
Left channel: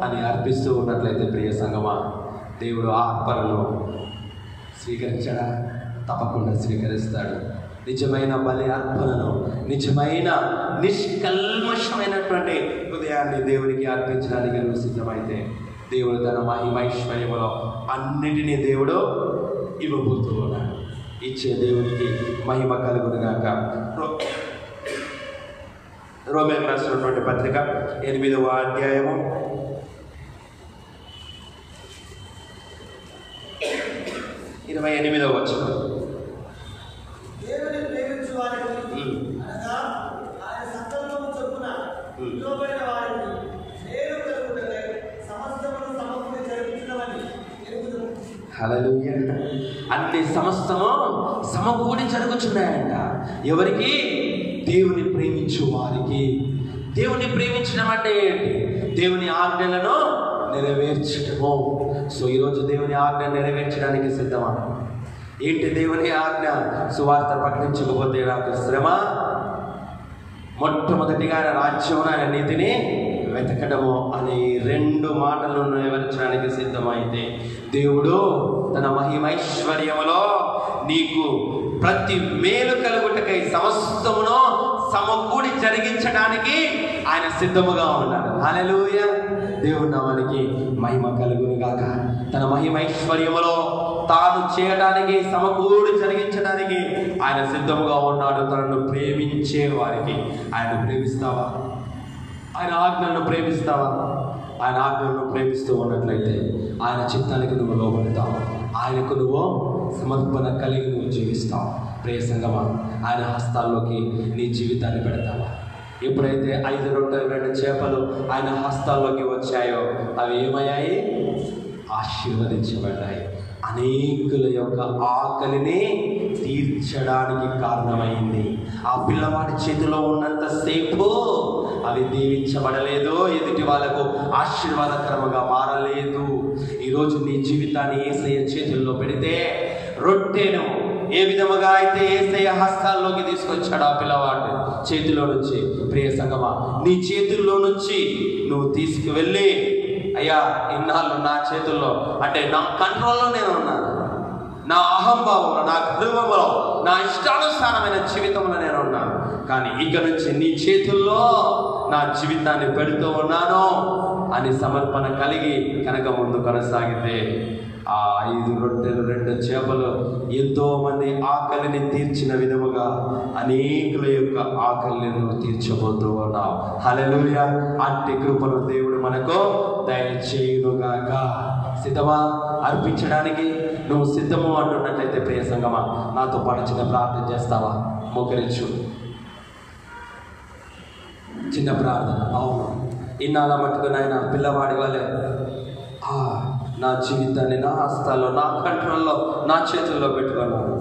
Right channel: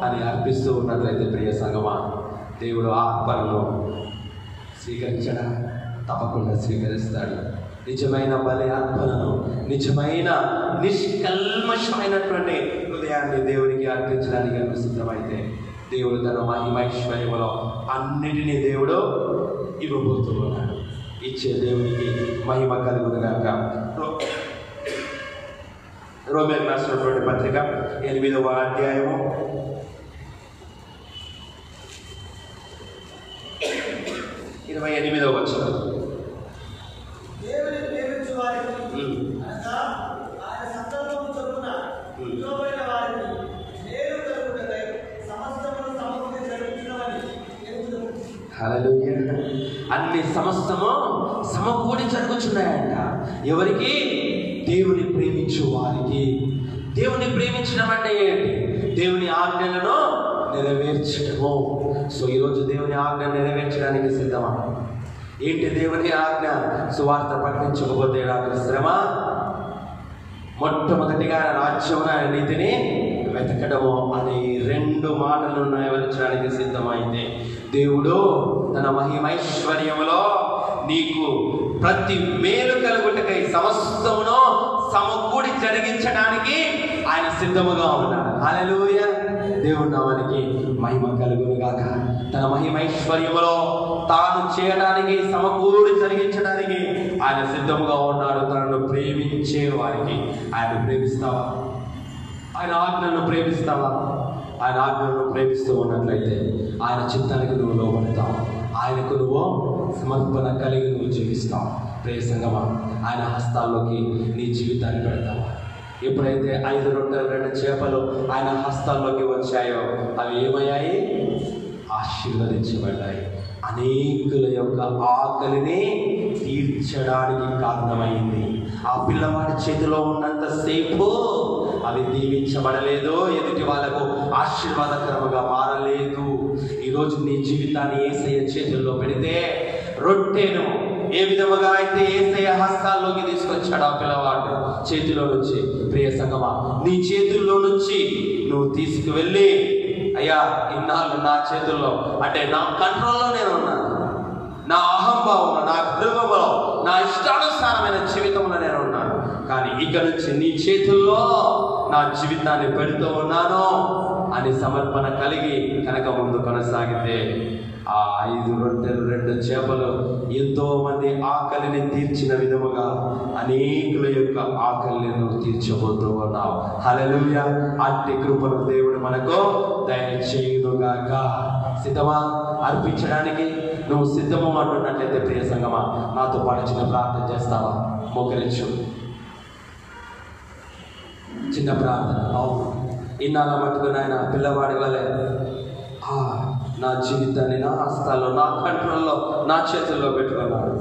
అని అర్పిస్తూ ఉన్నట్లయితే ప్రియ సంగమా, దేవుడు ఆ అర్పణను స్వీకరించడా? తప్పకుండా స్వీకరిస్తాడు. నిజమైన బలి అర్పణను, నిజమైన నిష్కల్మషమైనటువంటి హృదయాన్ని దేవునికి అర్పించడానికి నువ్వు సిద్ధమైతే దేవుడు తన మహిమైశ్వర్యములో అన్నిటినీ దేవుడు ఇవ్వబోతూ ఉన్నాడు. ఇచ్చే దేవునికి మహిమ కలుగునుగాక. రోమేయులకు రాసినటువంటి పత్రిక 8వ అధ్యాయము 28వ వచనం. హల్లెలూయా. అన్ని సమస్తము సమకూడి జరుగుతున్నాయంట. ఎవరికి? దేవుని ప్రేమించు వారికి. దేవుని ప్రేమించడం అంటే ఏంటి? దేవుని ఆజ్ఞలను నెరవేర్చడము. సో ఈరోజు దేవుని ఆజ్ఞ నెరవేర్చడానికి సిద్ధమా? ఏంటి దేవుని ఆజ్ఞ? సువార్త ప్రకటించకపోతే నాకు శ్రమ. మొట్టమొదటిగా రాజ్యమున నీతిని వెతకడము అనే 2 మాటలు నెరవేర్చడానికి సిద్ధమైతే దేవుడు తన మహిమైశ్వర్యములో నీకు ప్రతి మేలు కలుగుటకై సమస్తమును సమకూడి జరిగించడానికి ఆయన సిద్ధముగా ఉన్నాడు. హల్లెలూయా. దేవుడు నామానికి మహిమ కలుగునుగాక. తన మహిమైశ్వర్యములో తాను చేయడానికి, సమకూడి జరిగించడానికి ఆయన సిద్ధముగా ఉన్నాడు. తనను ప్రేమించే వారికి. ఆయన ప్రేమిస్తావా? ఆయన ఆజ్ఞలను ప్రేమిస్తావా? ఆయన ఆజ్ఞలను ప్రేమిస్తూ ఉన్నట్లయితే ఆయన చిత్తానికి నువ్వు లోబడతావు. ఆయనకు నువ్వు సమర్పణ కలిగి నువ్వు జీవిస్తావు. ప్రియ సంగమా, ఆయన హస్తాల్లోకి నీ జీవితాన్ని పెడతావు. ఎప్పుడైతే 5 రొట్టెలు 2 చేపలు ఆయన హస్తాల్లోకి వచ్చాయో అవి ఏమయ్యాయి? ఆశీర్వదించబడ్డాయి. అనేకుల యొక్క ఆకలిని తీర్చడానికి కారణమైంది. ఆ పిల్లవాడి చేతిలో ఉన్నంతసేపు అవి దీవించబడలేదు, ఎదుటి వాళ్ళకు ఆశీర్వాదకరముగా మారలేదు. ఈరోజు నీ జీవితాన్ని యేసయ్య చేతుల్లో పెడితే, రొట్టెను ఏ విధముగా అయితే యేసయ్య హస్తాల్లోకి తీసుకొచ్చాడు ఆ పిల్లవాడు చేతిలో నుంచి, ప్రియ సంగమా, నీ చేతుల్లో నుంచి నువ్వు తీసుకువెళ్ళి, అయ్యా ఇన్నాళ్ళు నా చేతుల్లో అంటే నా కంట్రోల్లో నేను ఉన్నాను, నా అహంభావంలో, నా గర్వంలో, నా ఇష్టానుసారమైన జీవితంలో నేను ఉన్నాను, కానీ ఇక నుంచి నీ చేతుల్లో నా జీవితాన్ని పెడుతూ ఉన్నాను అని సమర్పణ కలిగి కనుక ముందు కొనసాగితే ఆ 5 రొట్టెలు 2 చేపలు ఎంతో మంది ఆకలిని తీర్చిన విధముగా అనేకుల యొక్క ఆకలిని నువ్వు తీర్చబోతూ ఉన్నావు. హల్లెలూయా. అట్టి కృపను దేవుడు మనకు దయచేయునుగాక. సిద్ధమా? అర్పించడానికి నువ్వు సిద్ధము అంటున్నట్లయితే ప్రియ సంగమా, నాతో పాటు చిన్న ప్రార్థన చేస్తావా? మోకరించు. చిన్న ప్రార్థన. అవును, ఇన్నాళ్ళ మట్టుకుని ఆయన పిల్లవాడి వలె నా జీవితాన్ని నా హస్తాల్లో, నా కంట్రోల్లో, నా చేతుల్లో పెట్టుకున్నాను.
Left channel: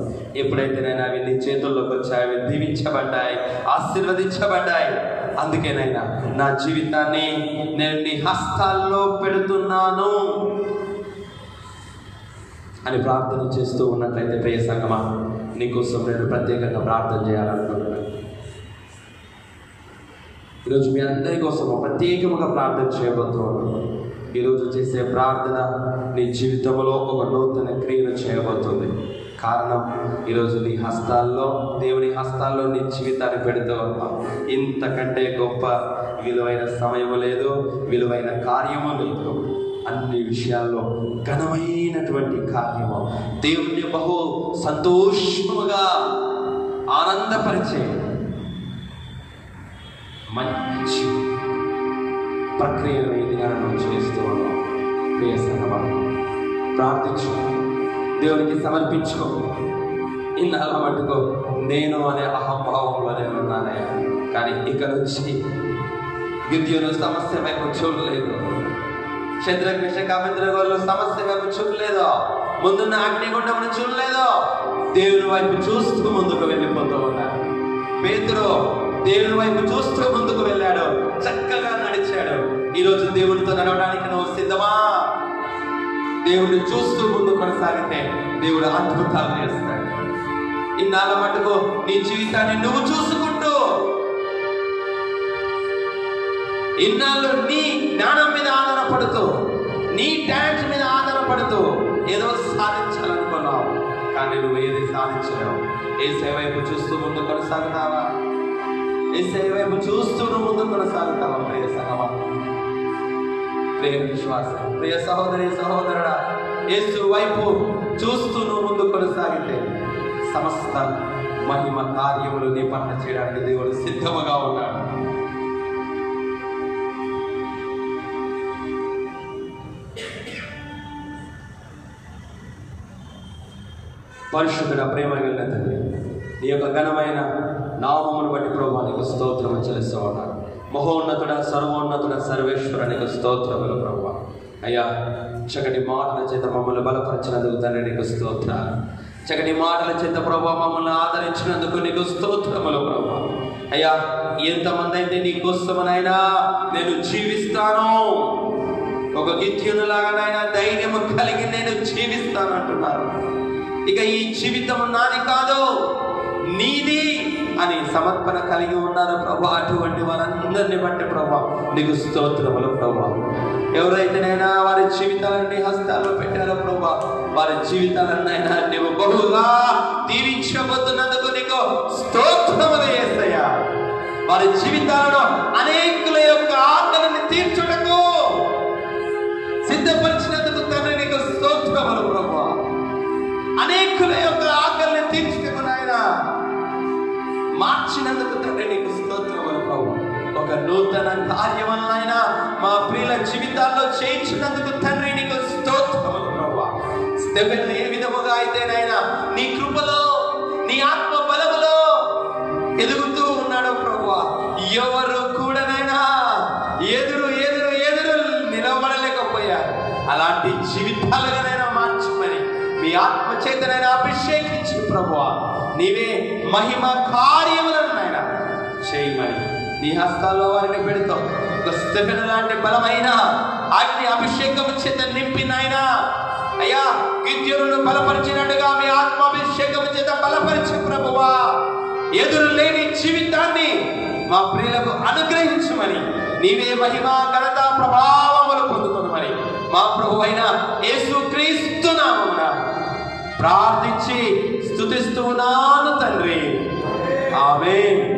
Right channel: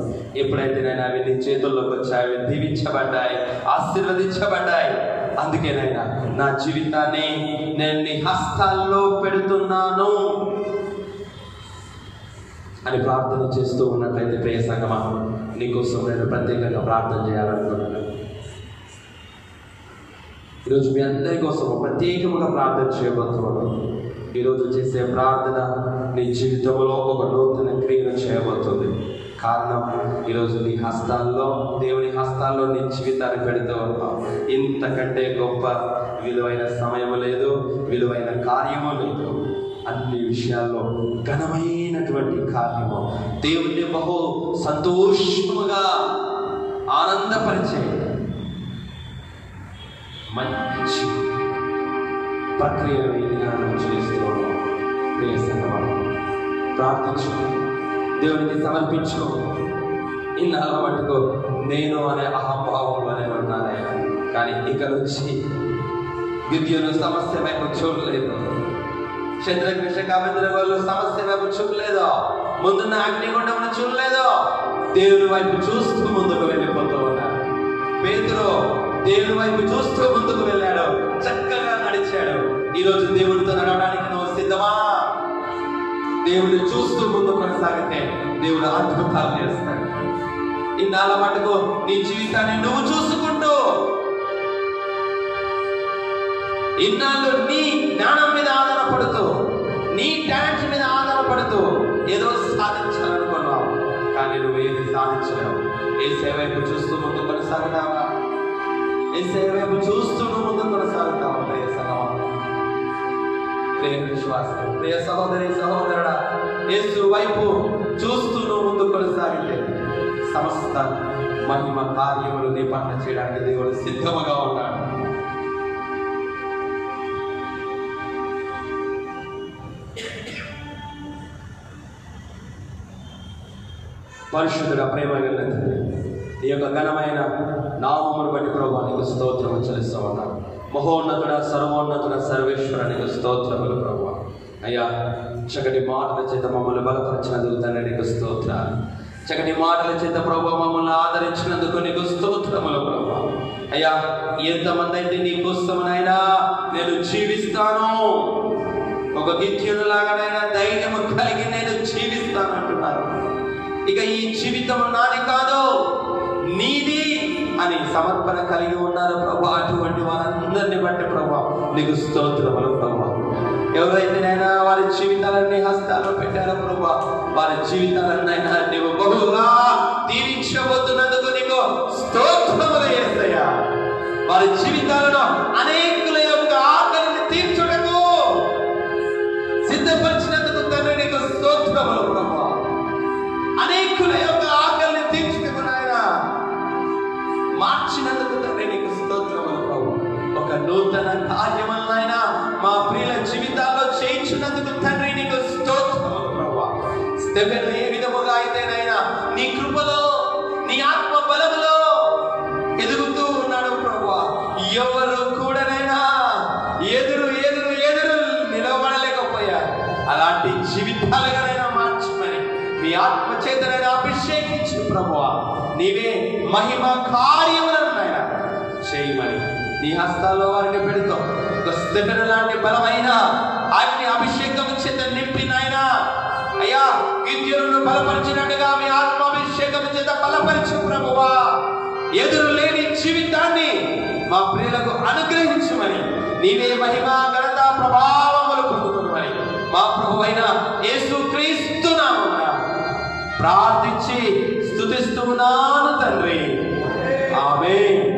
ఎప్పుడైతే నేను అవి నీ చేతుల్లోకి వచ్చాయి, అవి దీవించబడ్డాయి, ఆశీర్వదించబడ్డాయి. అందుకేనైనా నా జీవితాన్ని నేను నీ హస్తాల్లో పెడుతున్నాను అని ప్రార్థన చేస్తూ ఉన్నట్లయితే ప్రియ సంగమా, నీకోసం నేను ప్రత్యేకంగా ప్రార్థన చేయాలనుకున్నాను. ఈరోజు మీ అందరి కోసం ప్రత్యేకంగా ప్రార్థన చేయబోతున్నాను. ఈరోజు చేసే ప్రార్థన నీ జీవితంలో ఒక నూతన క్రియను చేయబోతుంది. కారణం, ఈరోజు నీ హస్తాల్లో, దేవుని హస్తాల్లో నీ జీవితాన్ని పెడుతూ ఇంతకంటే గొప్ప విలువైన సమయం లేదు, విలువైన కార్యము లేదు. అన్ని విషయాల్లో ఘనమైనటువంటి కార్యము, దేవుని బహు సంతోషముగా ఆనందపరిచే మంచి ప్రక్రియను ఇదిగా మనం చేస్తూ ఉన్నాం. ప్రియ సంగమా, ప్రార్థించు, దేవునికి సమర్పించుకో. ఇన్నాళ్ళ మట్టుకో నేను అనే అహంభావంలో నేను ఉన్నానయ్యా, కానీ ఇక నుంచి గిద్యోను సమస్య వైపు చూడలేదు, శద్రక్ మేషక్ అబేద్నెగోలు సమస్య వైపు చూడలేదు, ముందున్న అగ్నిగుండమును చూడలేదు, దేవుని వైపు చూస్తూ ముందుకు వెళ్ళిపోతూ ఉన్నాడు. పేతురు దేవుని వైపు చూస్తూ ముందుకు వెళ్ళాడు, చక్కగా నడిచాడు. ఈరోజు దేవుడితో నడవడానికి నువ్వు సిద్ధమా? దేవుడిని చూస్తూ ముందు కొనసాగితే దేవుడు అద్భుతాలు చేస్తాడు. ఇన్నాళ్ళ మటుకు నీ జీవితాన్ని నువ్వు చూసుకుంటూ, ఇన్నాళ్ళు నీ జ్ఞానం మీద ఆధారపడుతూ, నీ టాలెంట్ మీద ఆధారపడుతూ ఏదో సాధించాలనుకున్నావు, కానీ నువ్వు ఏది సాధించలేవు. యేసయ్య వైపు చూస్తూ ముందు కొనసాగుతావా? యేసయ్య వైపు చూస్తూ ముందు కొనసాగుతావా? ప్రియ సహోదరు, ప్రియ విశ్వాస, ప్రియ సహోదరి సహోదరుడా, యేసు వైపు చూస్తూ ముందు కొనసాగితే సమస్త మహిమ కార్యములు నీ పట్ల చేయడానికి దేవుడు సిద్ధముగా ఉన్నాడు. పరిశుద్ధుడ, ప్రేమ కలిగిన తండ్రి, నీ యొక్క ఘనమైన నామమును బట్టి ప్రభువా నీకు స్తోత్రం చెల్లిస్తూ ఉన్నాను. మహోన్నతుడ, సర్వోన్నతుడ, సర్వేశ్వర నీకు స్తోత్రములు ప్రభువా. అయ్యా, చక్కటి మాటల చేత మమ్మల్ని బలపరిచినందుకు తండ్రి నీకు స్తోత్రాలు. చక్కటి మాటల చేత ప్రభువా మమ్మల్ని ఆదరించినందుకు నీకు స్తోత్రములు ప్రభువా. అయ్యా, ఎంతమంది అయితే నీ కోసమనైనా నేను జీవిస్తాను, ఒక గిత్యునిలాగానైనా ధైర్యం కలిగి నేను జీవిస్తాను అంటున్నారు. ఇక ఈ జీవితం నాది కాదు, నీది అని సమర్పణ కలిగి ఉన్నారు ప్రభా. అటువంటి వారందరినీ బట్టి ప్రభా నీకు స్తోత్రములు ప్రభా. ఎవరైతేనైనా వారి జీవితాలన్నీ హస్తాలు పెట్టారో ప్రభా, వారి జీవితాలన్నైనా నీవు బహుగా దీవించబోతున్నందుకు నీకు స్తోత్రములు యేసయ్యా. వారి జీవితాలను అనేకుల యొక్క ఆకలిని తీర్చుటకు సిద్ధపరిచినందుకు తండ్రి నీకు స్తోత్రములు ప్రభా. అనేకుల యొక్క ఆకలిని తీర్చుటకు నాయన మార్చినందుకు తండ్రి నీకు స్తోత్రములు ప్రభు. ఒక నూతన కార్యములైనా మా ప్రియుల జీవితాల్లో చేయించినందుకు తండ్రి నీకు స్తోత్రములు ప్రభు. స్టెఫెన్ ఏ విధముగా అయితేనైనా నీ కృపలో నీ ఆత్మ బలములో ఎదుగుతూ ఉన్నాడు ప్రభు. ఎవరు కూడానైనా ఎదురు ఎదురు ఎదురు నిలబడలేకపోయారు. అలాంటి జీవితాలుగానైనా మార్చమని మీ ఆత్మ చేతనైనా అభిషేకించి ప్రభువా నీవే మహిమ కార్యములను ఆయన చేయమని నీ హస్తాల్లో వారిని పెడుతూ ఒక స్టెఫెను లాంటి బలమైన అగ్ని అభిషేకం చేత నింపినాయన అయ్యా, గిద్యోనును బలపరిచినట్టుగా మీ ఆత్మాభిషేకం చేత బలపరిచి ప్రభువా ఎదురు లేని జీవితాన్ని మా ప్రియులకు అనుగ్రహించమని నీవే మహిమ